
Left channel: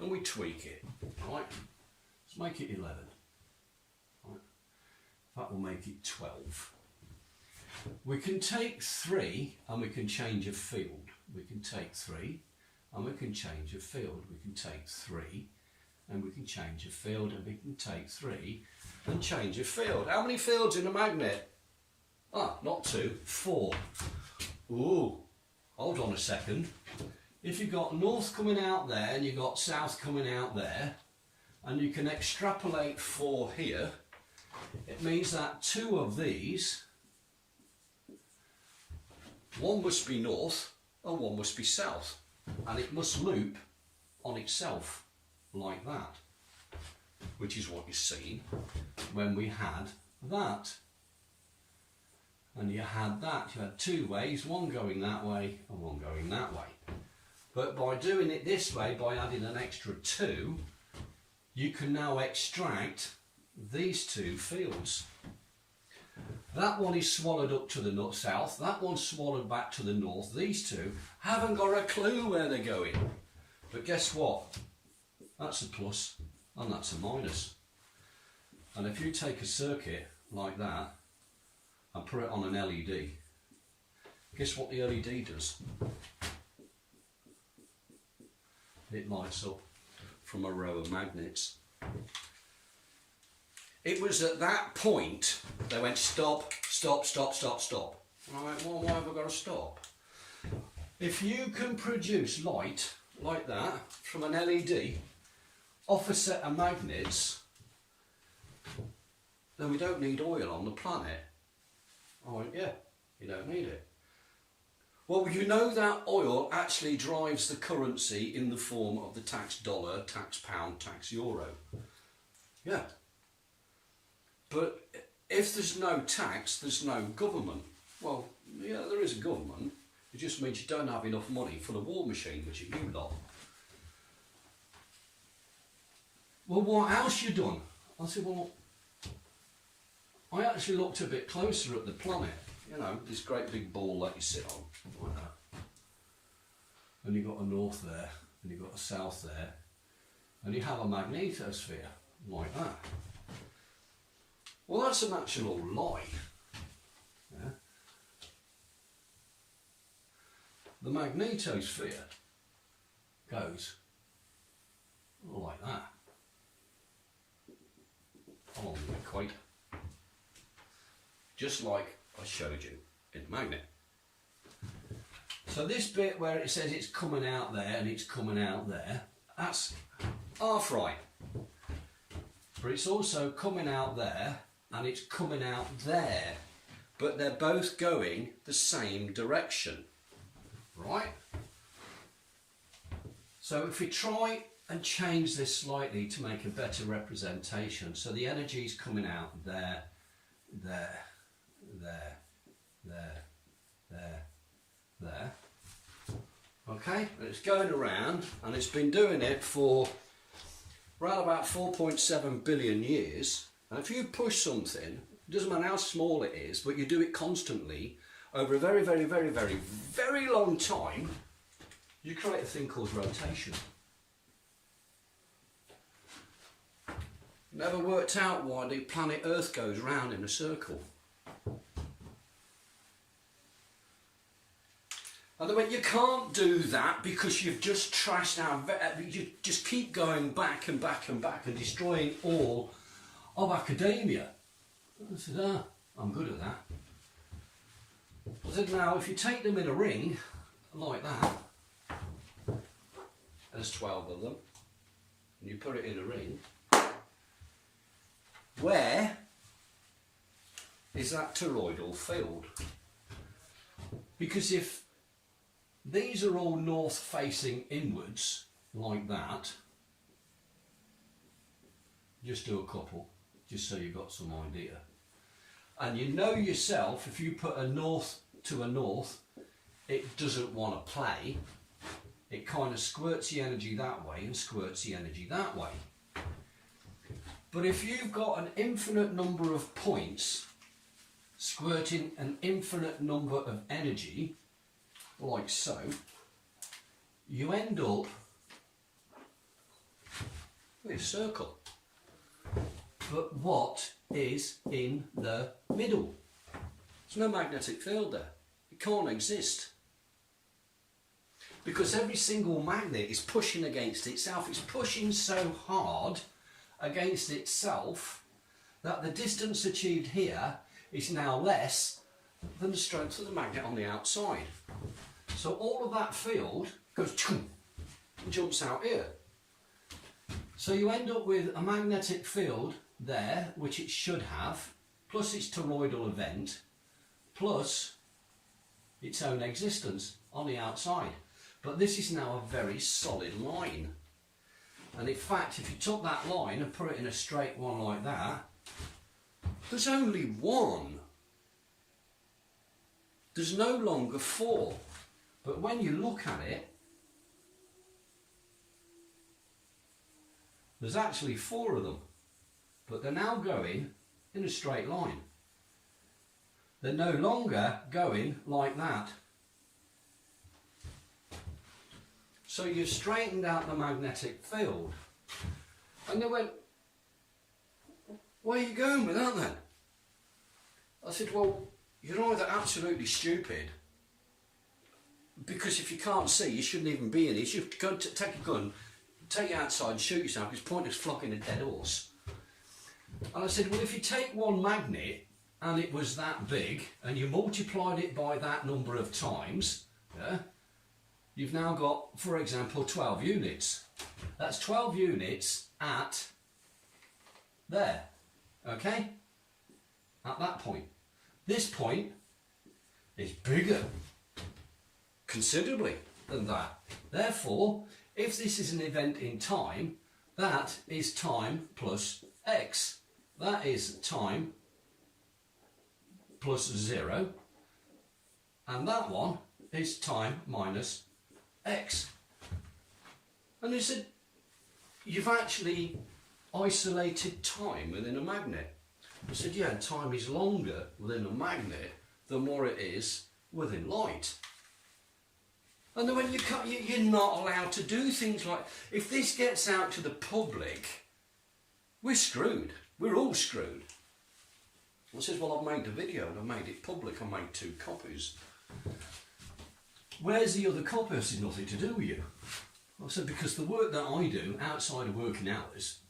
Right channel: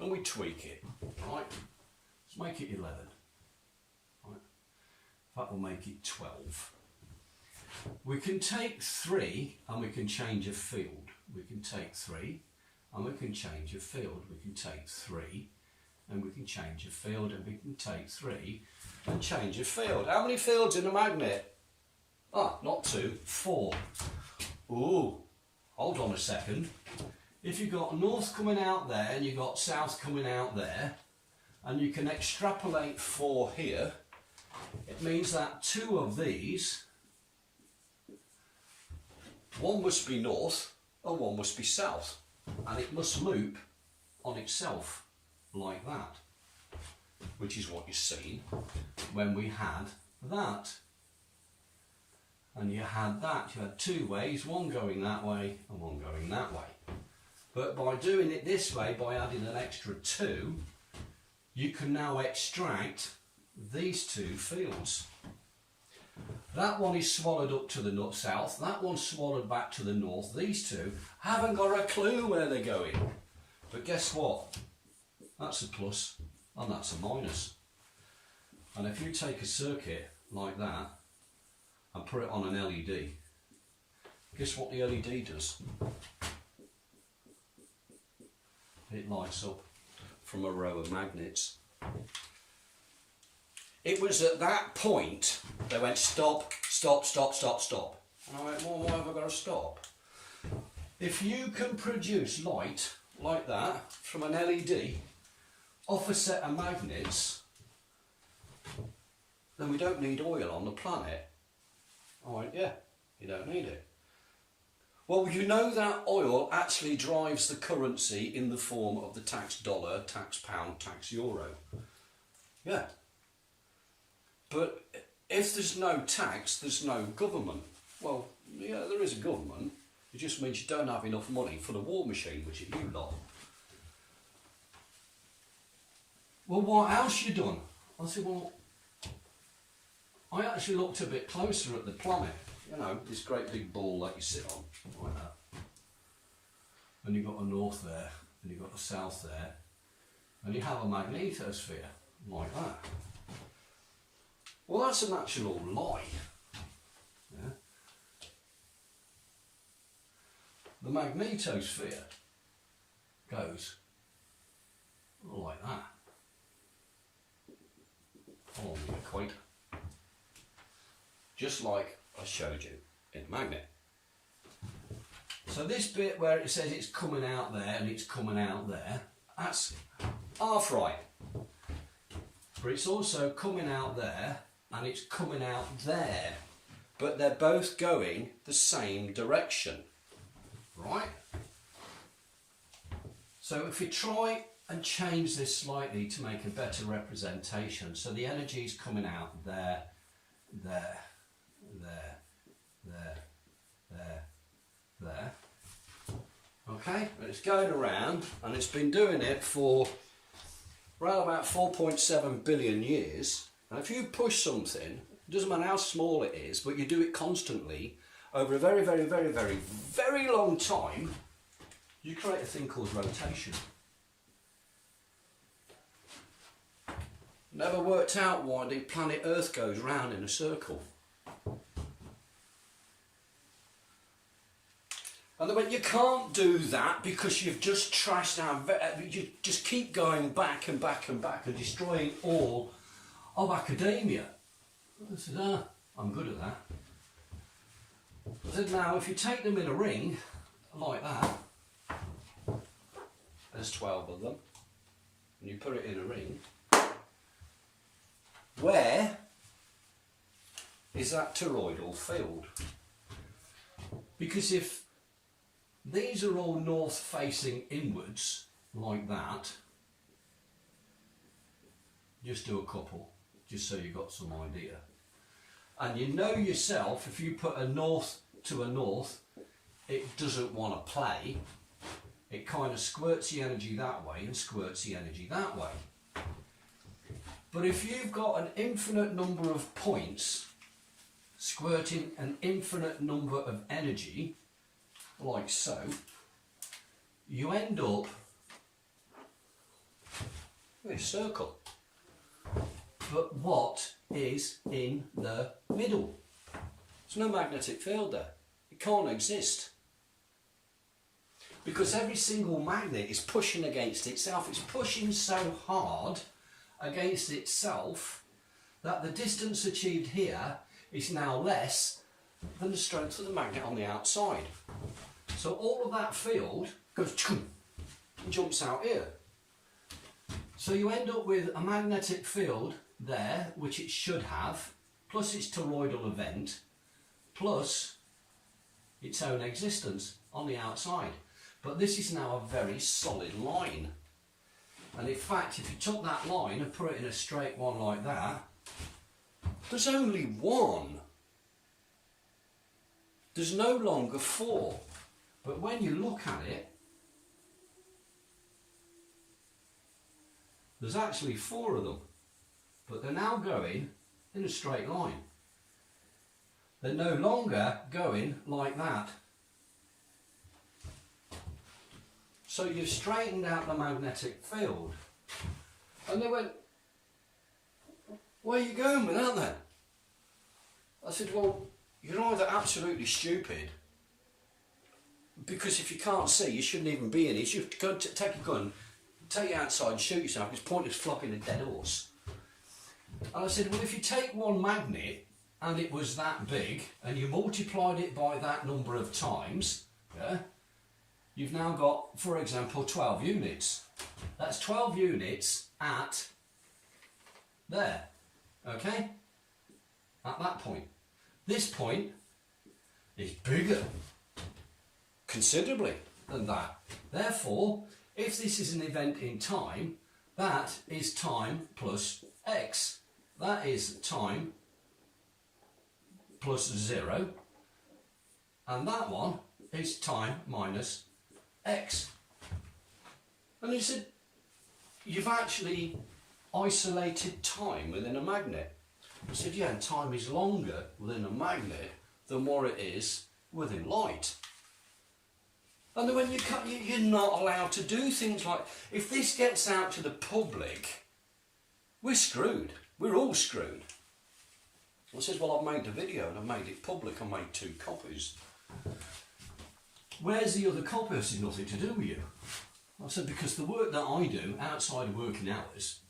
and we tweak it, right? Let's make it 11. Right? That will make it 12. We can take 3 and we can change a field. We can take 3 and we can change a field. We can take 3 and we can change a field, and we can take 3 and change a field. How many fields in a magnet? Ah, not 2, 4. Ooh, hold on a second. If you've got north coming out there and you've got south coming out there, and you can extrapolate 4 here, it means that 2 of these, one must be north and one must be south, and it must loop on itself like that, which is what you've seen when we had that. And you had that, you had 2 ways, one going that way and one going that way. But by doing it this way, by adding an extra 2, you can now extract these 2 fields. That one is swallowed up to the south, that one's swallowed back to the north. These 2 haven't got a clue where they're going. But guess what? That's a plus and that's a minus. And if you take a circuit like that and put it on an LED, guess what the LED does? It lights up from a row of magnets. It was at that point they went stop, stop, stop, stop, stop. And I went, well, why have I got to stop? If you can produce light like that from an LED off a set of magnets, then we don't need oil on the planet. I went, yeah, you don't need it. Well, you know that oil actually drives the currency in the form of the tax dollar, tax pound, tax euro. Yeah. But if there's no tax, there's no government. Well, yeah, there is a government. It just means you don't have enough money for the war machine, which is you lot. well, what else you done? I said, well, I actually looked a bit closer at the planet. You know, this great big ball that you sit on, like that. And you've got a north there, and you've got a south there, and you have a magnetosphere, like that. Well, that's an actual lie. Yeah? The magnetosphere goes like that, on the equator. Just like I showed you in the magnet. So this bit where it says it's coming out there and it's coming out there, that's half right. But it's also coming out there and it's coming out there. But they're both going the same direction. Right? So if we try and change this slightly to make a better representation, so the energy is coming out there, there, there, there, there, there. Okay, and it's going around, and it's been doing it for around about 4.7 billion years. And if you push something, it doesn't matter how small it is, but you do it constantly over a very, very, very, very, very long time, you create a thing called rotation. Never worked out why the planet Earth goes round in a circle. And they went, you can't do that because you've just trashed our... You just keep going back and back and back and destroying all of academia. I said, I'm good at that. I said, now, if you take them in a ring, like that, there's 12 of them, and you put it in a ring, where is that toroidal field? Because if these are all north facing inwards, like that, just do a couple, just so you've got some idea. And you know yourself, if you put a north to a north, it doesn't want to play. It kind of squirts the energy that way and squirts the energy that way. But if you've got an infinite number of points squirting an infinite number of energy, like so, you end up with a circle. But what is in the middle? There's no magnetic field there. It can't exist. Because every single magnet is pushing against itself. It's pushing so hard against itself that the distance achieved here is now less than the strength of the magnet on the outside. So all of that field goes and jumps out here. So you end up with a magnetic field there, which it should have, plus its toroidal event, plus its own existence on the outside. But this is now a very solid line. And in fact, if you took that line and put it in a straight one like that, there's only one. There's no longer four. But when you look at it, there's actually four of them. But they're now going in a straight line. They're no longer going like that. So you've straightened out the magnetic field. And they went, where are you going with that then? I said, well, you're either absolutely stupid, because if you can't see, you shouldn't even be in it. You should go take a gun, take it outside and shoot yourself, because it's pointless flogging a dead horse. And I said, well, if you take one magnet and it was that big and you multiplied it by that number of times, yeah, you've now got, for example, 12 units. That's 12 units at there, okay? At that point. This point is bigger, considerably, than that. Therefore, if this is an event in time, that is time plus x. That is time plus 0. And that one is time minus x. And he said, you've actually isolated time within a magnet. I said, yeah, time is longer within a magnet than what it is within light. And then when you're not allowed to do things like, if this gets out to the public, we're screwed. We're all screwed. I says, well, I've made a video and I've made it public. I made 2 copies. Where's the other copy? I said, nothing to do with you. I said, because the work that I do outside of working hours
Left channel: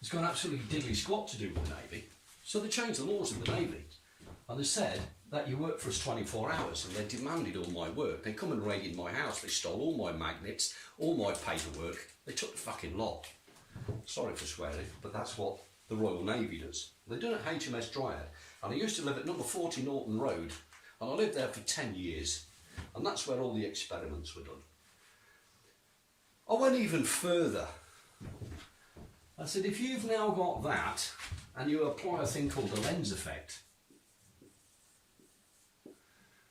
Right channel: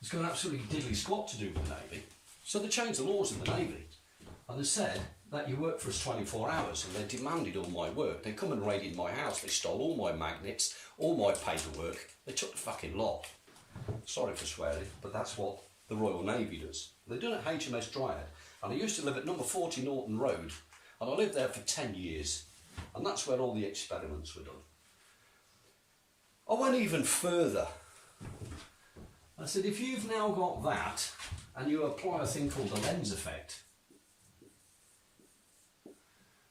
has got absolutely diddly squat to do with the Navy. So they changed the laws in the Navy. And they said that you work for us 24 hours, and they demanded all my work. They come and raided my house. They stole all my magnets, all my paperwork. They took the fucking lot. Sorry for swearing, but that's what the Royal Navy does. They done it at HMS Dryad, and I used to live at number 40 Norton Road, and I lived there for 10 years, and that's where all the experiments were done. I went even further. I said, if you've now got that, and you apply a thing called the lens effect,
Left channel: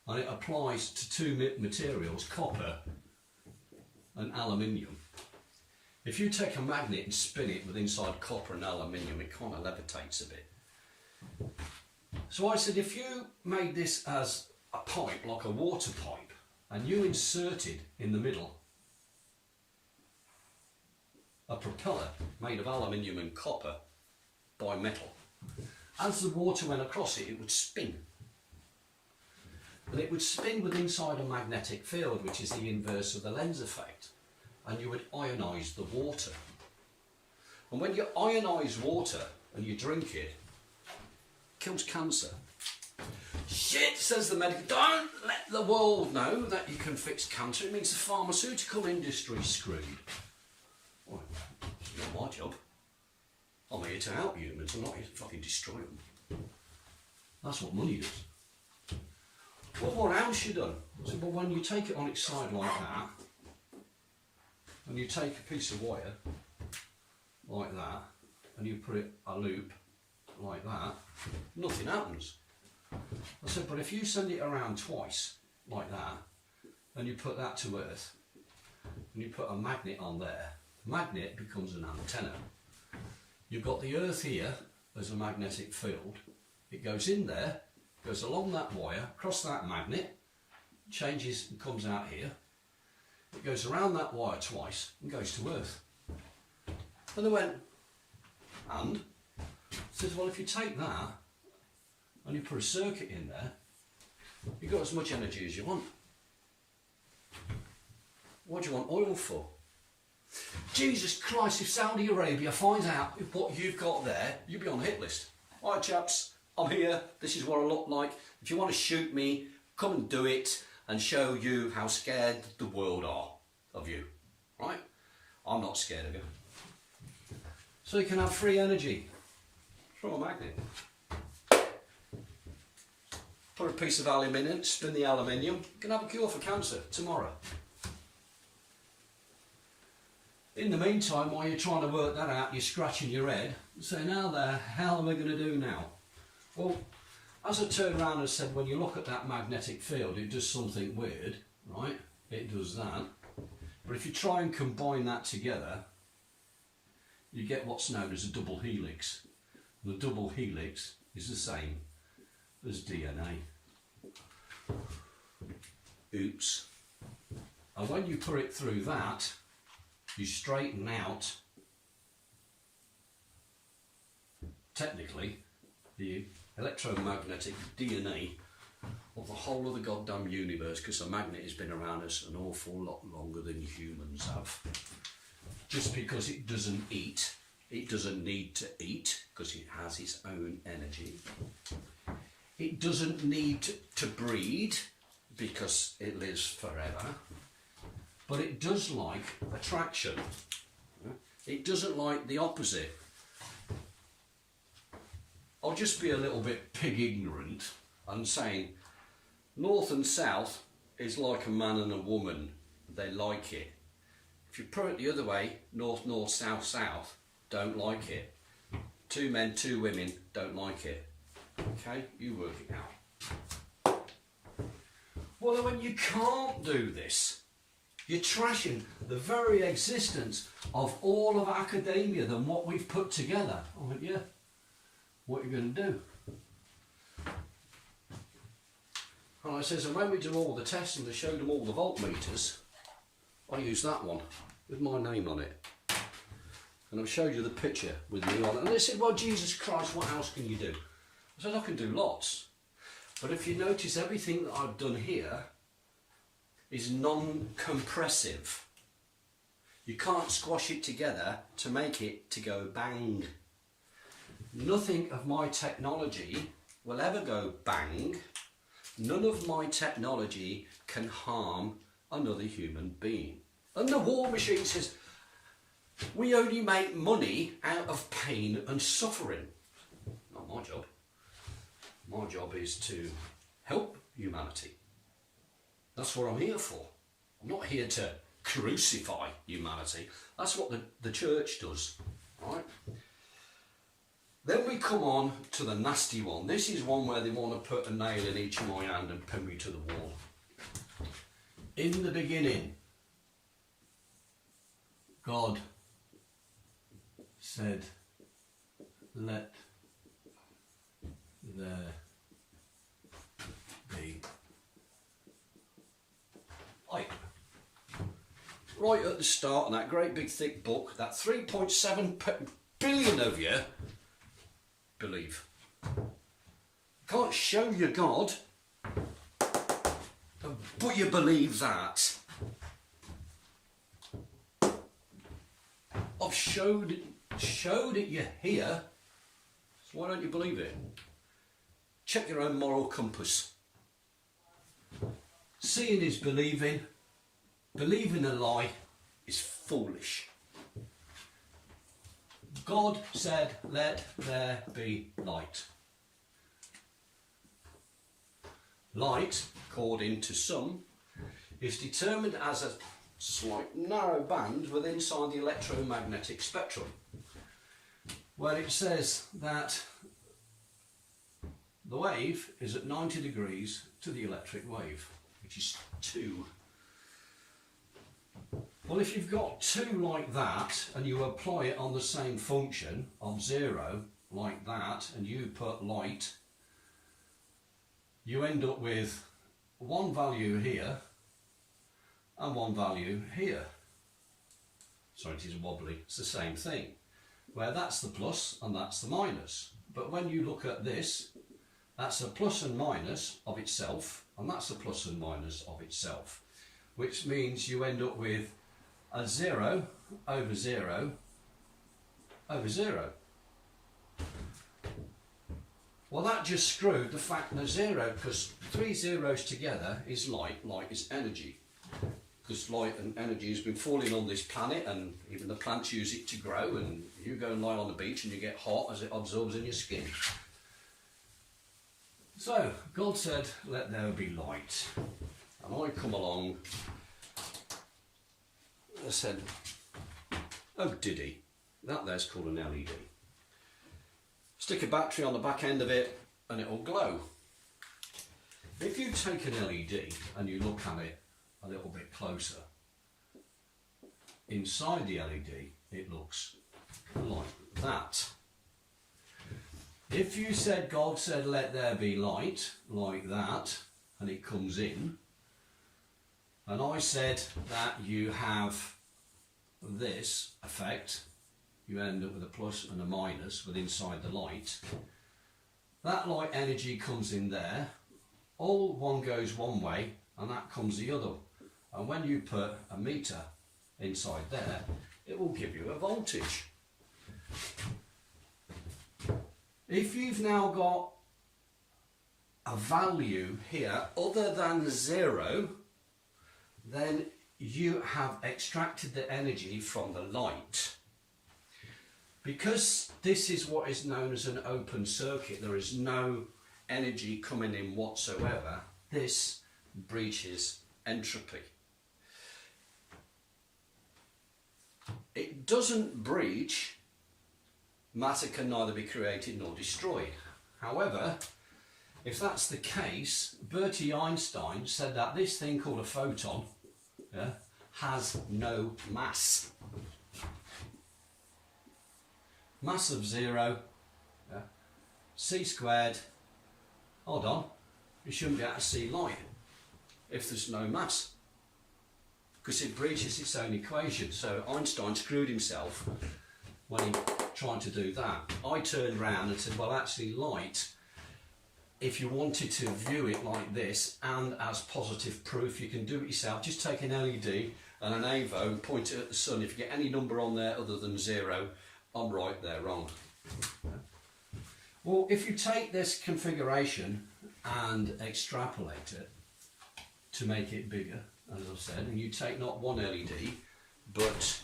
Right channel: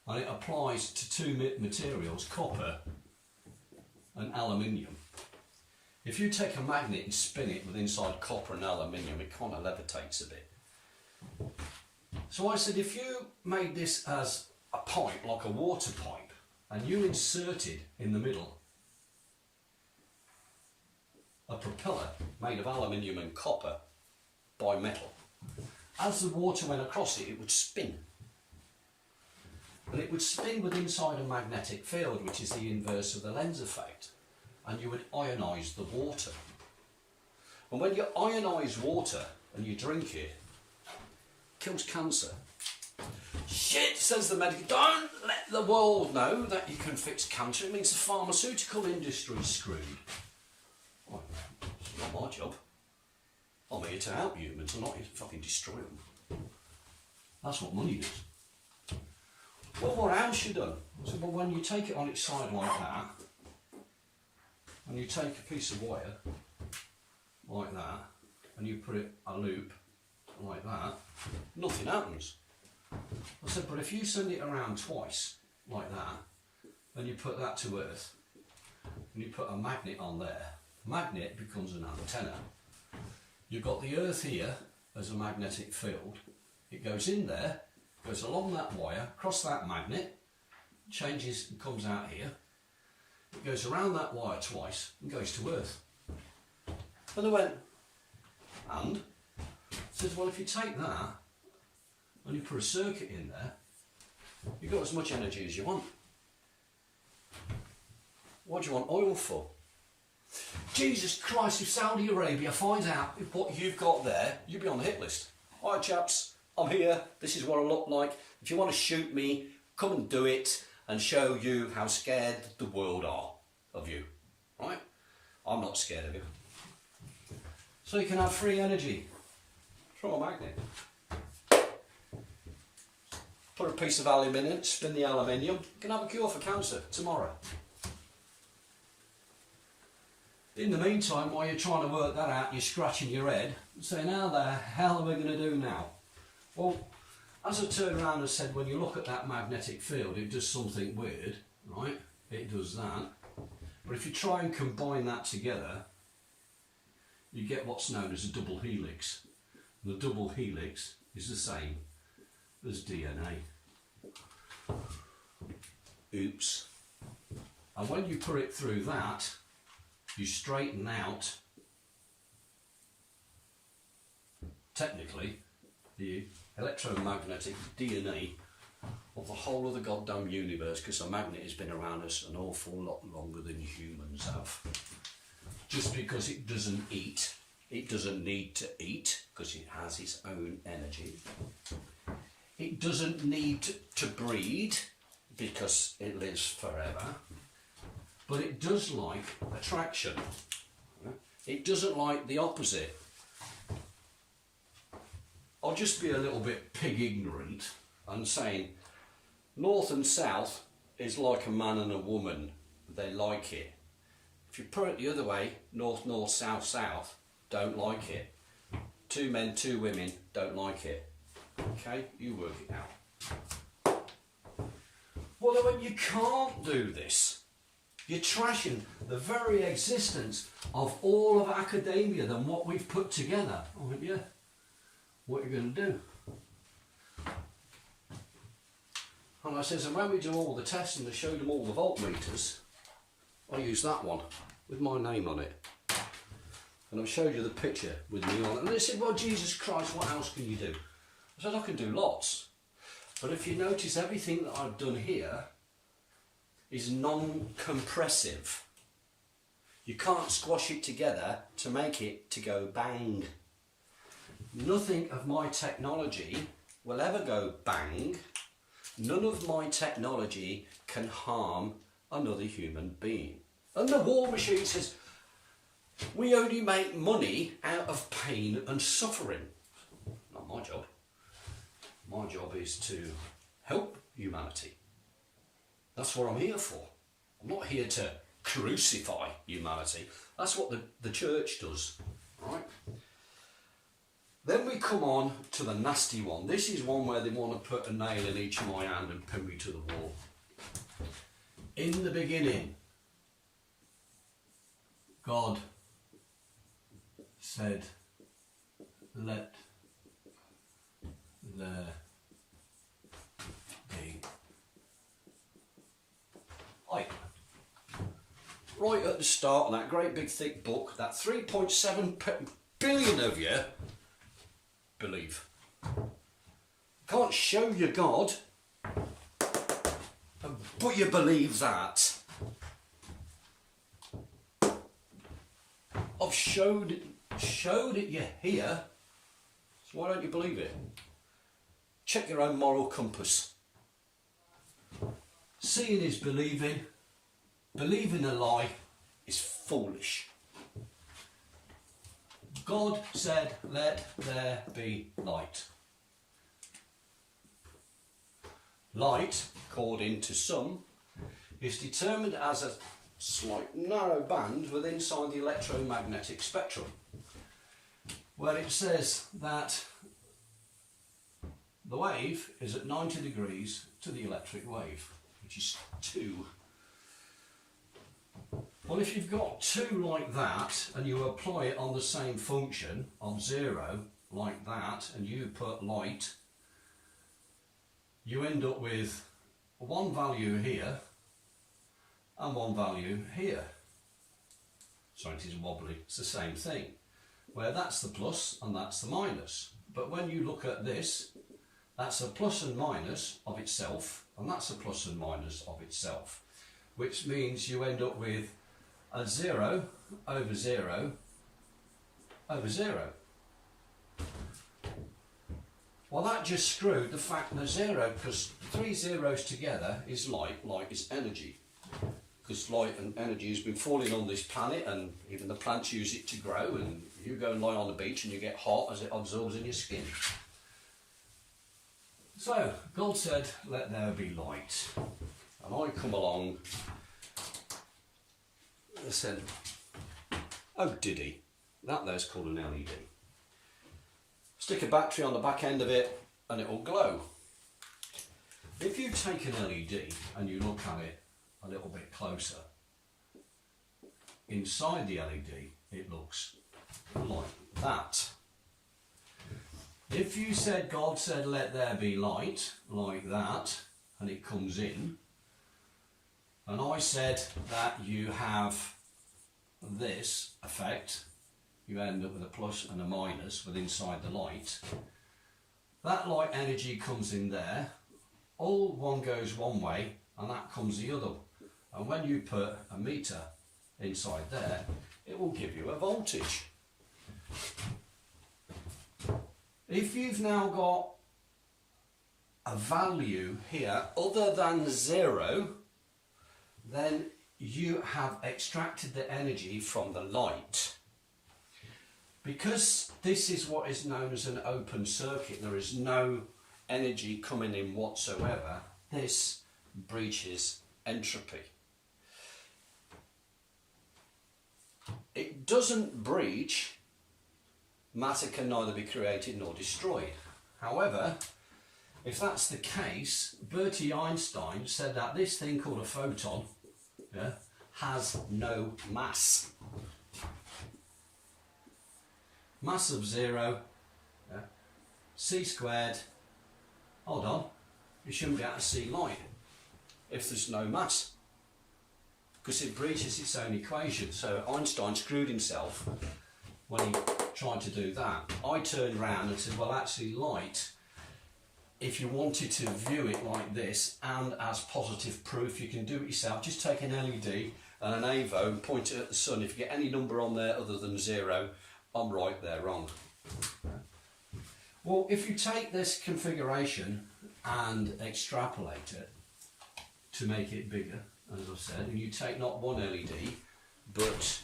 and it applies to 2 materials, copper and aluminium. If you take a magnet and spin it with inside copper and aluminium, it kind of levitates a bit. So I said, if you made this as a pipe, like a water pipe, and you inserted in the middle a propeller made of aluminium and copper bimetal, as the water went across it, it would spin. And it would spin with inside a magnetic field, which is the inverse of the lens effect. And you would ionise the water. And when you ionise water and you drink it, it kills cancer. Shit, says the medical. Don't let the world know that you can fix cancer. It means the pharmaceutical industry's screwed. Well, it's not my job. I'm here to help humans. I'm not here to fucking destroy them. That's what money does. Well, what else you done? I said, well, when you take it on its side like that, and you take a piece of wire like that, and you put it a loop like that, nothing happens. I said, but if you send it around twice like that, and you put that to Earth, and you put a magnet on there, magnet becomes an antenna. You've got the Earth here as a magnetic field. It goes in there, goes along that wire, across that magnet, changes and comes out here. It goes around that wire twice and goes to Earth. And they went, and? Says, well, if you take that and you put a circuit in there, you've got as much energy as you want. What do you want oil for? Jesus Christ, if Saudi Arabia finds out what you've got there, you'll be on the hit list. All right, chaps, I'm here. This is what I look like. If you want to shoot me, come and do it and show you how scared the world are of you. Right? I'm not scared of you. So you can have free energy from a magnet. Put a piece of aluminium, spin the aluminium, you can have a cure for cancer tomorrow. In the meantime, while you're trying to work that out, you're scratching your head and saying, how the hell am I going to do now? Well, as I turned around and said, when you look at that magnetic field, it does something weird, right? It does that. But if you try and combine that together, you get what's known as a double helix. The double helix is the same as DNA. Oops. And when you put it through that, you straighten out, technically, the electromagnetic DNA of the whole of the goddamn universe, because a magnet has been around us an awful lot longer than humans have. Just because it doesn't eat, it doesn't need to eat, because it has its own energy. It doesn't need to breed, because it lives forever. But it does like attraction. It doesn't like the opposite. I'll just be a little bit pig ignorant and saying north and south is like a man and a woman. They like it. If you put it the other way, north, north, south, south, don't like it. 2 men, 2 women, don't like it. Okay, you work it out. Well, then when you can't do this, You're trashing the very existence of all of academia than what we've put together. I went, yeah, what are you going to do? And I says, and when we do all the tests and they showed them all the voltmeters, I used that one with my name on it. And I've showed you the picture with me on it. And they said, well, Jesus Christ, what else can you do? I said, I can do lots. But if you notice, everything that I've done here is non-compressive. You can't squash it together to make it to go bang. Nothing of my technology will ever go bang. None of my technology can harm another human being. And the war machine says, we only make money out of pain and suffering. Not my job. My job is to help humanity. That's what I'm here for. I'm not here to crucify humanity. That's what the church does. Right? Then we come on to the nasty one. This is one where they want to put a nail in each of my hand and pin me to the wall. In the beginning, God said, let there be light. Right at the start of that great big thick book, that 3.7 billion of you believe. Can't show you God, but you believe that. I've showed it you here, so why don't you believe it? Check your own moral compass. Seeing is believing. Believing a lie is foolish. God said, let there be light. Light, according to some, is determined as a slight narrow band within inside the electromagnetic spectrum, where it says that the wave is at 90 degrees to the electric wave, which is 2. Well, if you've got 2 like that and you apply it on the same function of 0 like that and you put light, you end up with one value here and one value here. Sorry, it is wobbly. It's the same thing, where that's the plus and that's the minus. But when you look at this, that's a plus and minus of itself, and that's a plus and minus of itself, which means you end up with a 0 over 0 over 0. Well, that just screwed the fact that 0, because 3 zeros together is light, light is energy. Because light and energy has been falling on this planet, and even the plants use it to grow, and you go and lie on the beach and you get hot as it absorbs in your skin. So, God said, let there be light. And I come along and I said, oh diddy, that there's called an LED. Stick a battery on the back end of it and it will glow. If you take an LED and you look at it a little bit closer, inside the LED it looks like that. If you said, God said let there be light, like that, and it comes in, and I said that you have this effect, you end up with a plus and a minus with inside the light. That light energy comes in there, all one goes one way and that comes the other. And when you put a meter inside there, it will give you a voltage. If you've now got a value here other than 0, then you have extracted the energy from the light. Because this is what is known as an open circuit, there is no energy coming in whatsoever, this breaches entropy. It doesn't breach, matter can neither be created nor destroyed. However, if that's the case, Bertie Einstein said that this thing called a photon, yeah, has no mass. Mass of 0, yeah, c squared, hold on, you shouldn't be able to see light if there's no mass, because it breaches its own equation. So Einstein screwed himself when he tried to do that. I turned round and said, well, actually light, if you wanted to view it like this and as positive proof, you can do it yourself. Just take an LED and an AVO and point it at the sun. If you get any number on there other than 0, I'm right, they're wrong. Well, if you take this configuration and extrapolate it to make it bigger, as I've said, and you take not one LED, but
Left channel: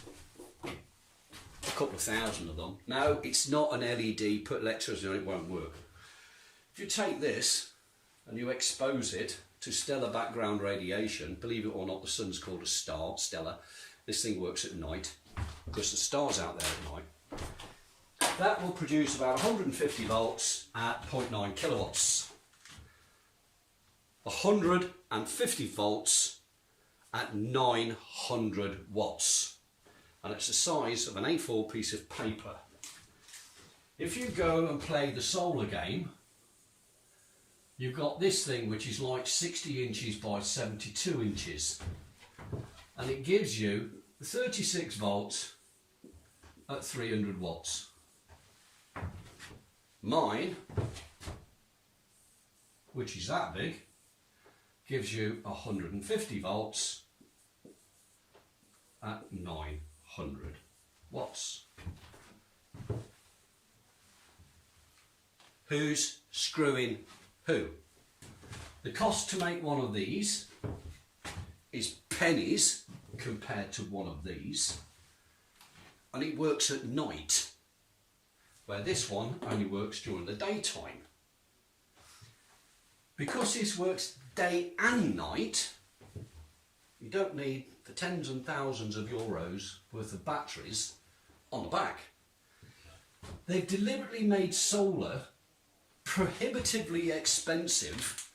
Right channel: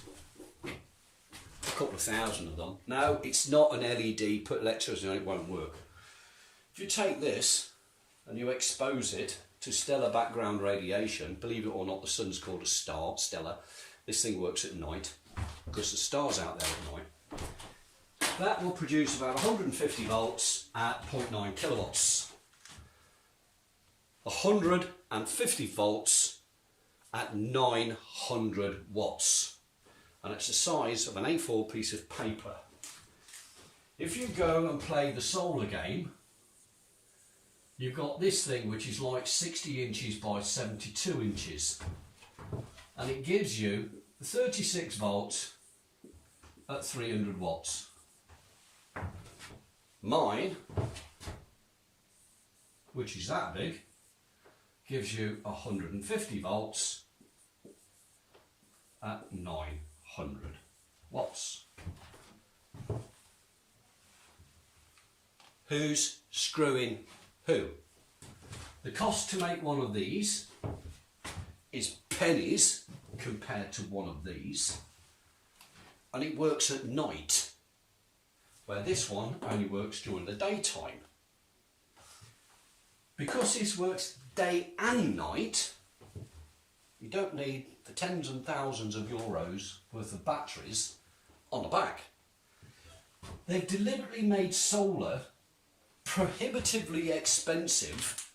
a couple of thousand of them. No, it's not an LED, put electricity on it, won't work. If you take this and you expose it to stellar background radiation, believe it or not, the sun's called a star, stellar. This thing works at night because the star's out there at night. That will produce about 150 volts at 0.9 kilowatts. 150 volts at 900 watts. And it's the size of an A4 piece of paper. If you go and play the solar game, you've got this thing which is like 60 inches by 72 inches. And it gives you 36 volts at 300 watts. Mine, which is that big, gives you 150 volts at 900 watts. Who's screwing who? The cost to make one of these is pennies compared to one of these, and it works at night, where this one only works during the daytime. Because this works day and night, you don't need the tens and thousands of euros worth of batteries on the back. They've deliberately made solar prohibitively expensive,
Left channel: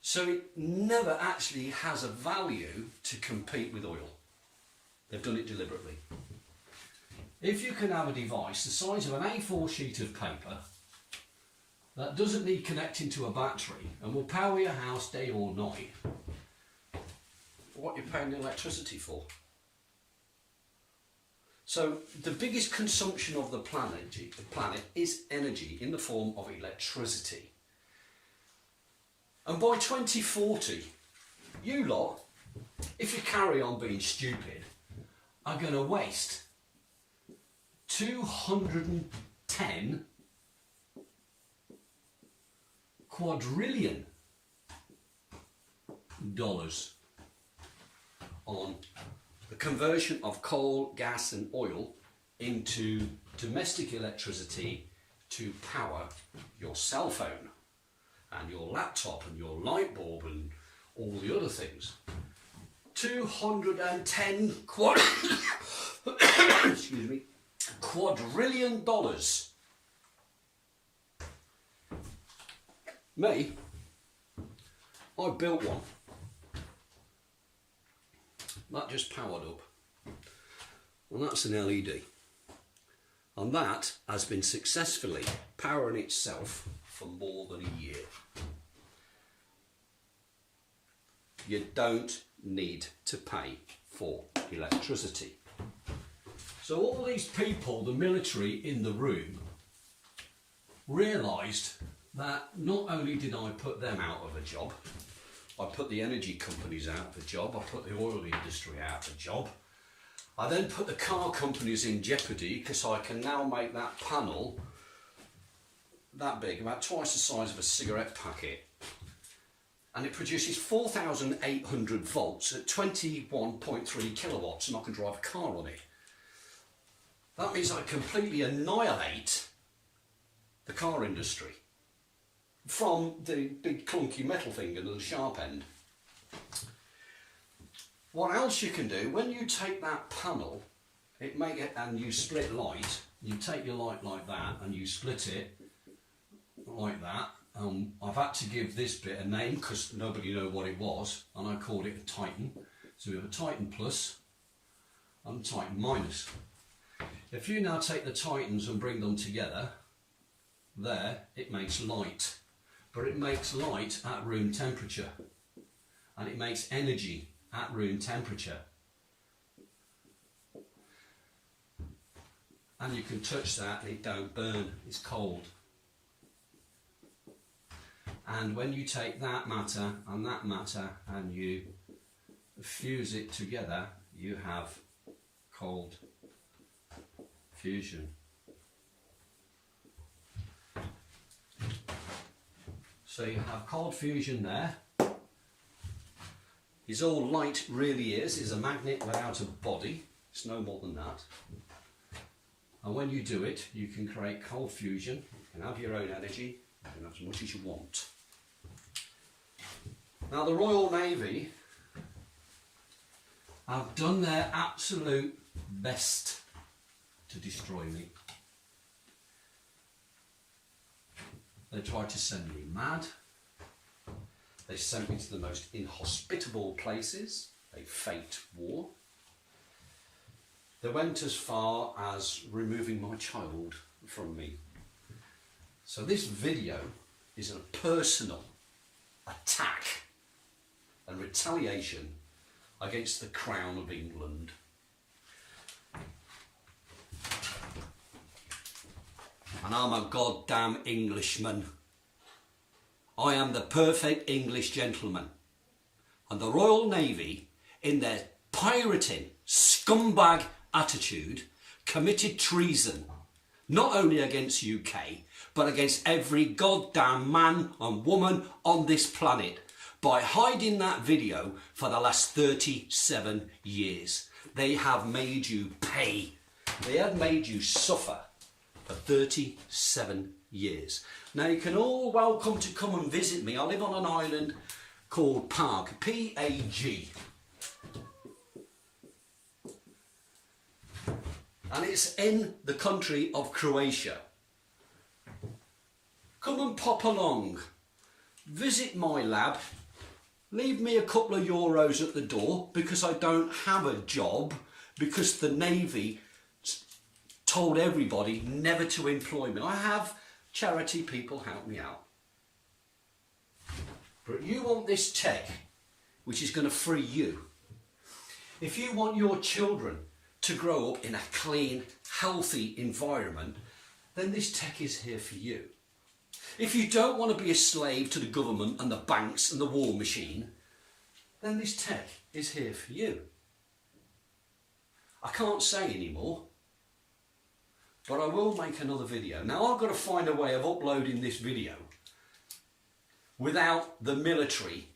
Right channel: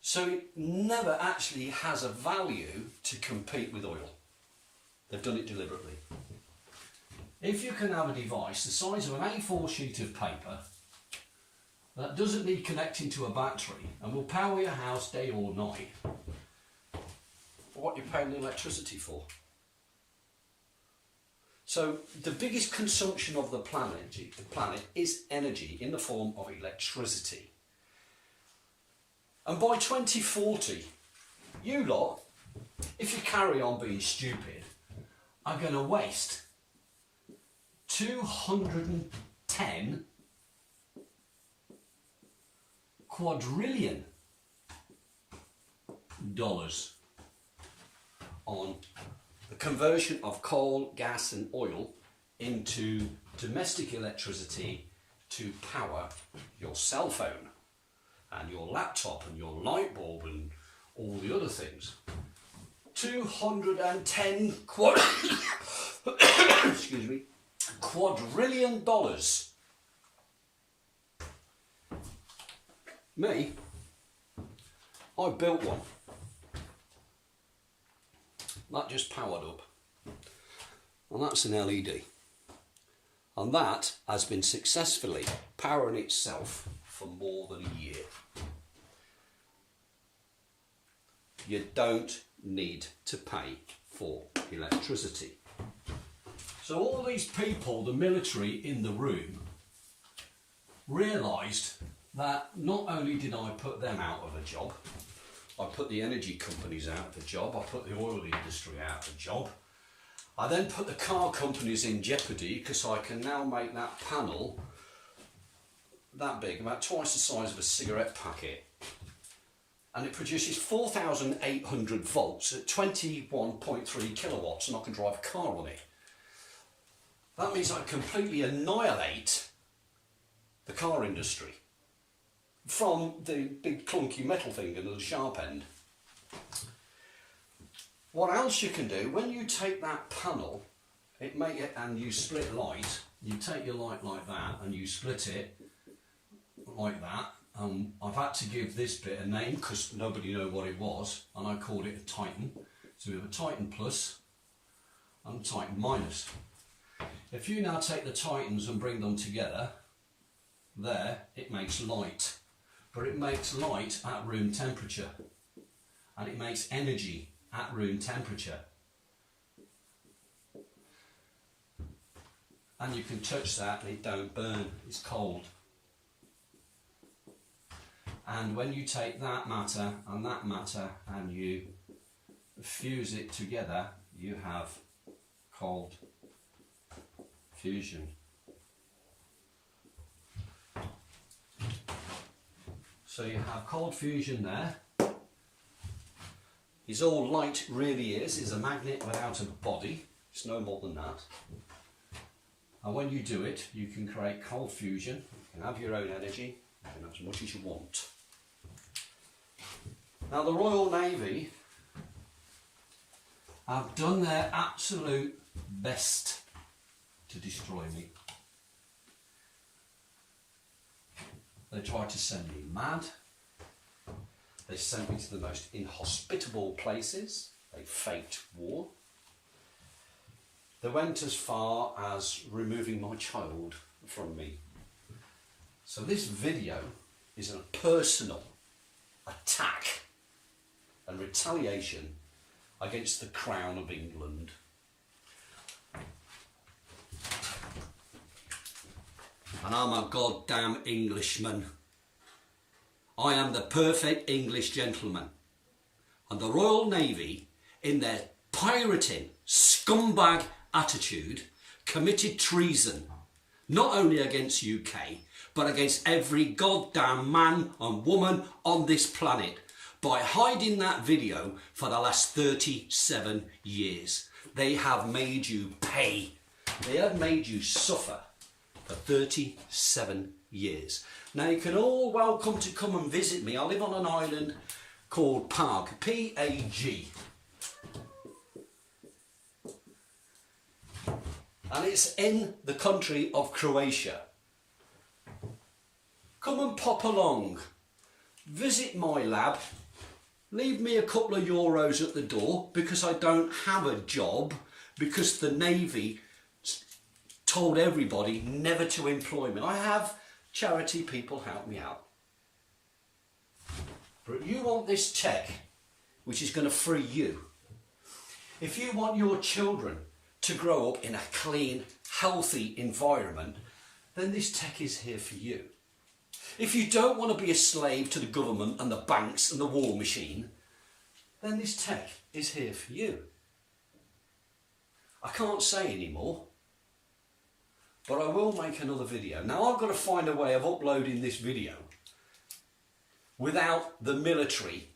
so it never actually has a value to compete with oil. They've done it deliberately. If you can have a device the size of an A4 sheet of paper that doesn't need connecting to a battery and will power your house day or night, what you're paying the electricity for. So the biggest consumption of the planet is energy in the form of electricity. And by 2040, you lot, if you carry on being stupid, are going to waste $210 quadrillion on the conversion of coal, gas and oil into domestic electricity to power your cell phone and your laptop and your light bulb and all the other things. 210 excuse me, quadrillion dollars. Me, I built one. That just powered up. And that's an LED. And that has been successfully powering itself for more than a year. You don't need to pay for electricity. So all these people, the military in the room, realised that not only did I put them out of a job, I put the energy companies out of a job, I put the oil industry out of a job, I then put the car companies in jeopardy because I can now make that panel that big, about twice the size of a cigarette packet, and it produces 4,800 volts at 21.3 kilowatts, and I can drive a car on it. That means I completely annihilate the car industry from the big clunky metal thing and the sharp end. What else you can do, when you take that panel and you split light, you take your light like that and you split it like that. I've had to give this bit a name because nobody knew what it was, and I called it a Titan. So we have a Titan plus and a Titan minus. If you now take the Titans and bring them together, there it makes light. But it makes light at room temperature. And it makes energy at room temperature. And you can touch that and it don't burn, it's cold. And when you take that matter and you fuse it together, you have cold fusion. So you have cold fusion there. Is all light really is a magnet without a body. It's no more than that. And when you do it, you can create cold fusion. You can have your own energy and as much as you want. Now the Royal Navy have done their absolute best to destroy me. They tried to send me mad. They sent me to the most inhospitable places. They faked war. They went as far as removing my child from me. So this video is a personal attack and retaliation against the Crown of England. And I'm a goddamn Englishman. I am the perfect English gentleman. And the Royal Navy, in their pirating, scumbag attitude, committed treason, not only against UK, but against every goddamn man and woman on this planet, by hiding that video for the last 37 years. They have made you pay. They have made you suffer for 37 years. Now you can all welcome to come and visit me. I live on an island called Pag, P-A-G. And it's in the country of Croatia. Come and pop along. Visit my lab. Leave me a couple of euros at the door because I don't have a job, because the Navy told everybody never to employ me. I have charity people help me out. But you want this tech, which is going to free you. If you want your children to grow up in a clean, healthy environment, then this tech is here for you. If you don't want to be a slave to the government and the banks and the war machine, then this tech is here for you. I can't say anymore, but I will make another video. Now I've got to find a way of uploading this video without the military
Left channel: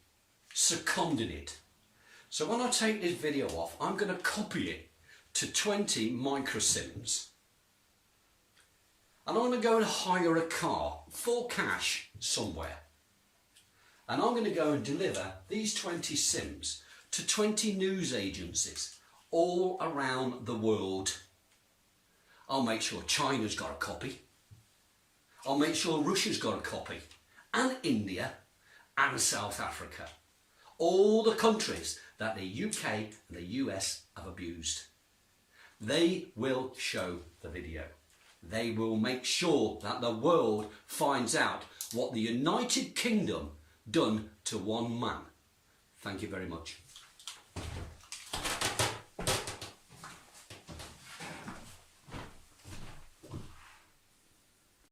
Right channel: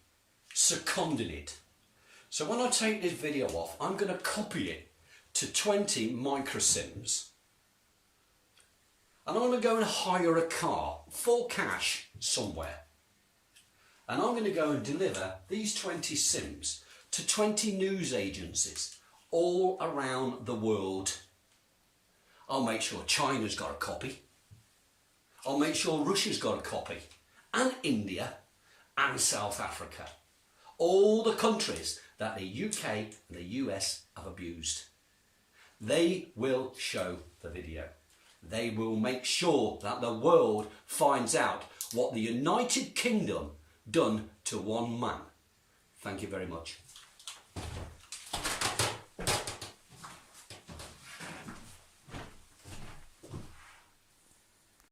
seconding it. So when I take this video off, I'm going to copy it to 20 microsims. And I'm going to go and hire a car for cash somewhere. And I'm going to go and deliver these 20 sims to 20 news agencies all around the world. I'll make sure China's got a copy. I'll make sure Russia's got a copy. And India and South Africa. All the countries that the UK and the US have abused. They will show the video. They will make sure that the world finds out what the United Kingdom done to one man. Thank you very much.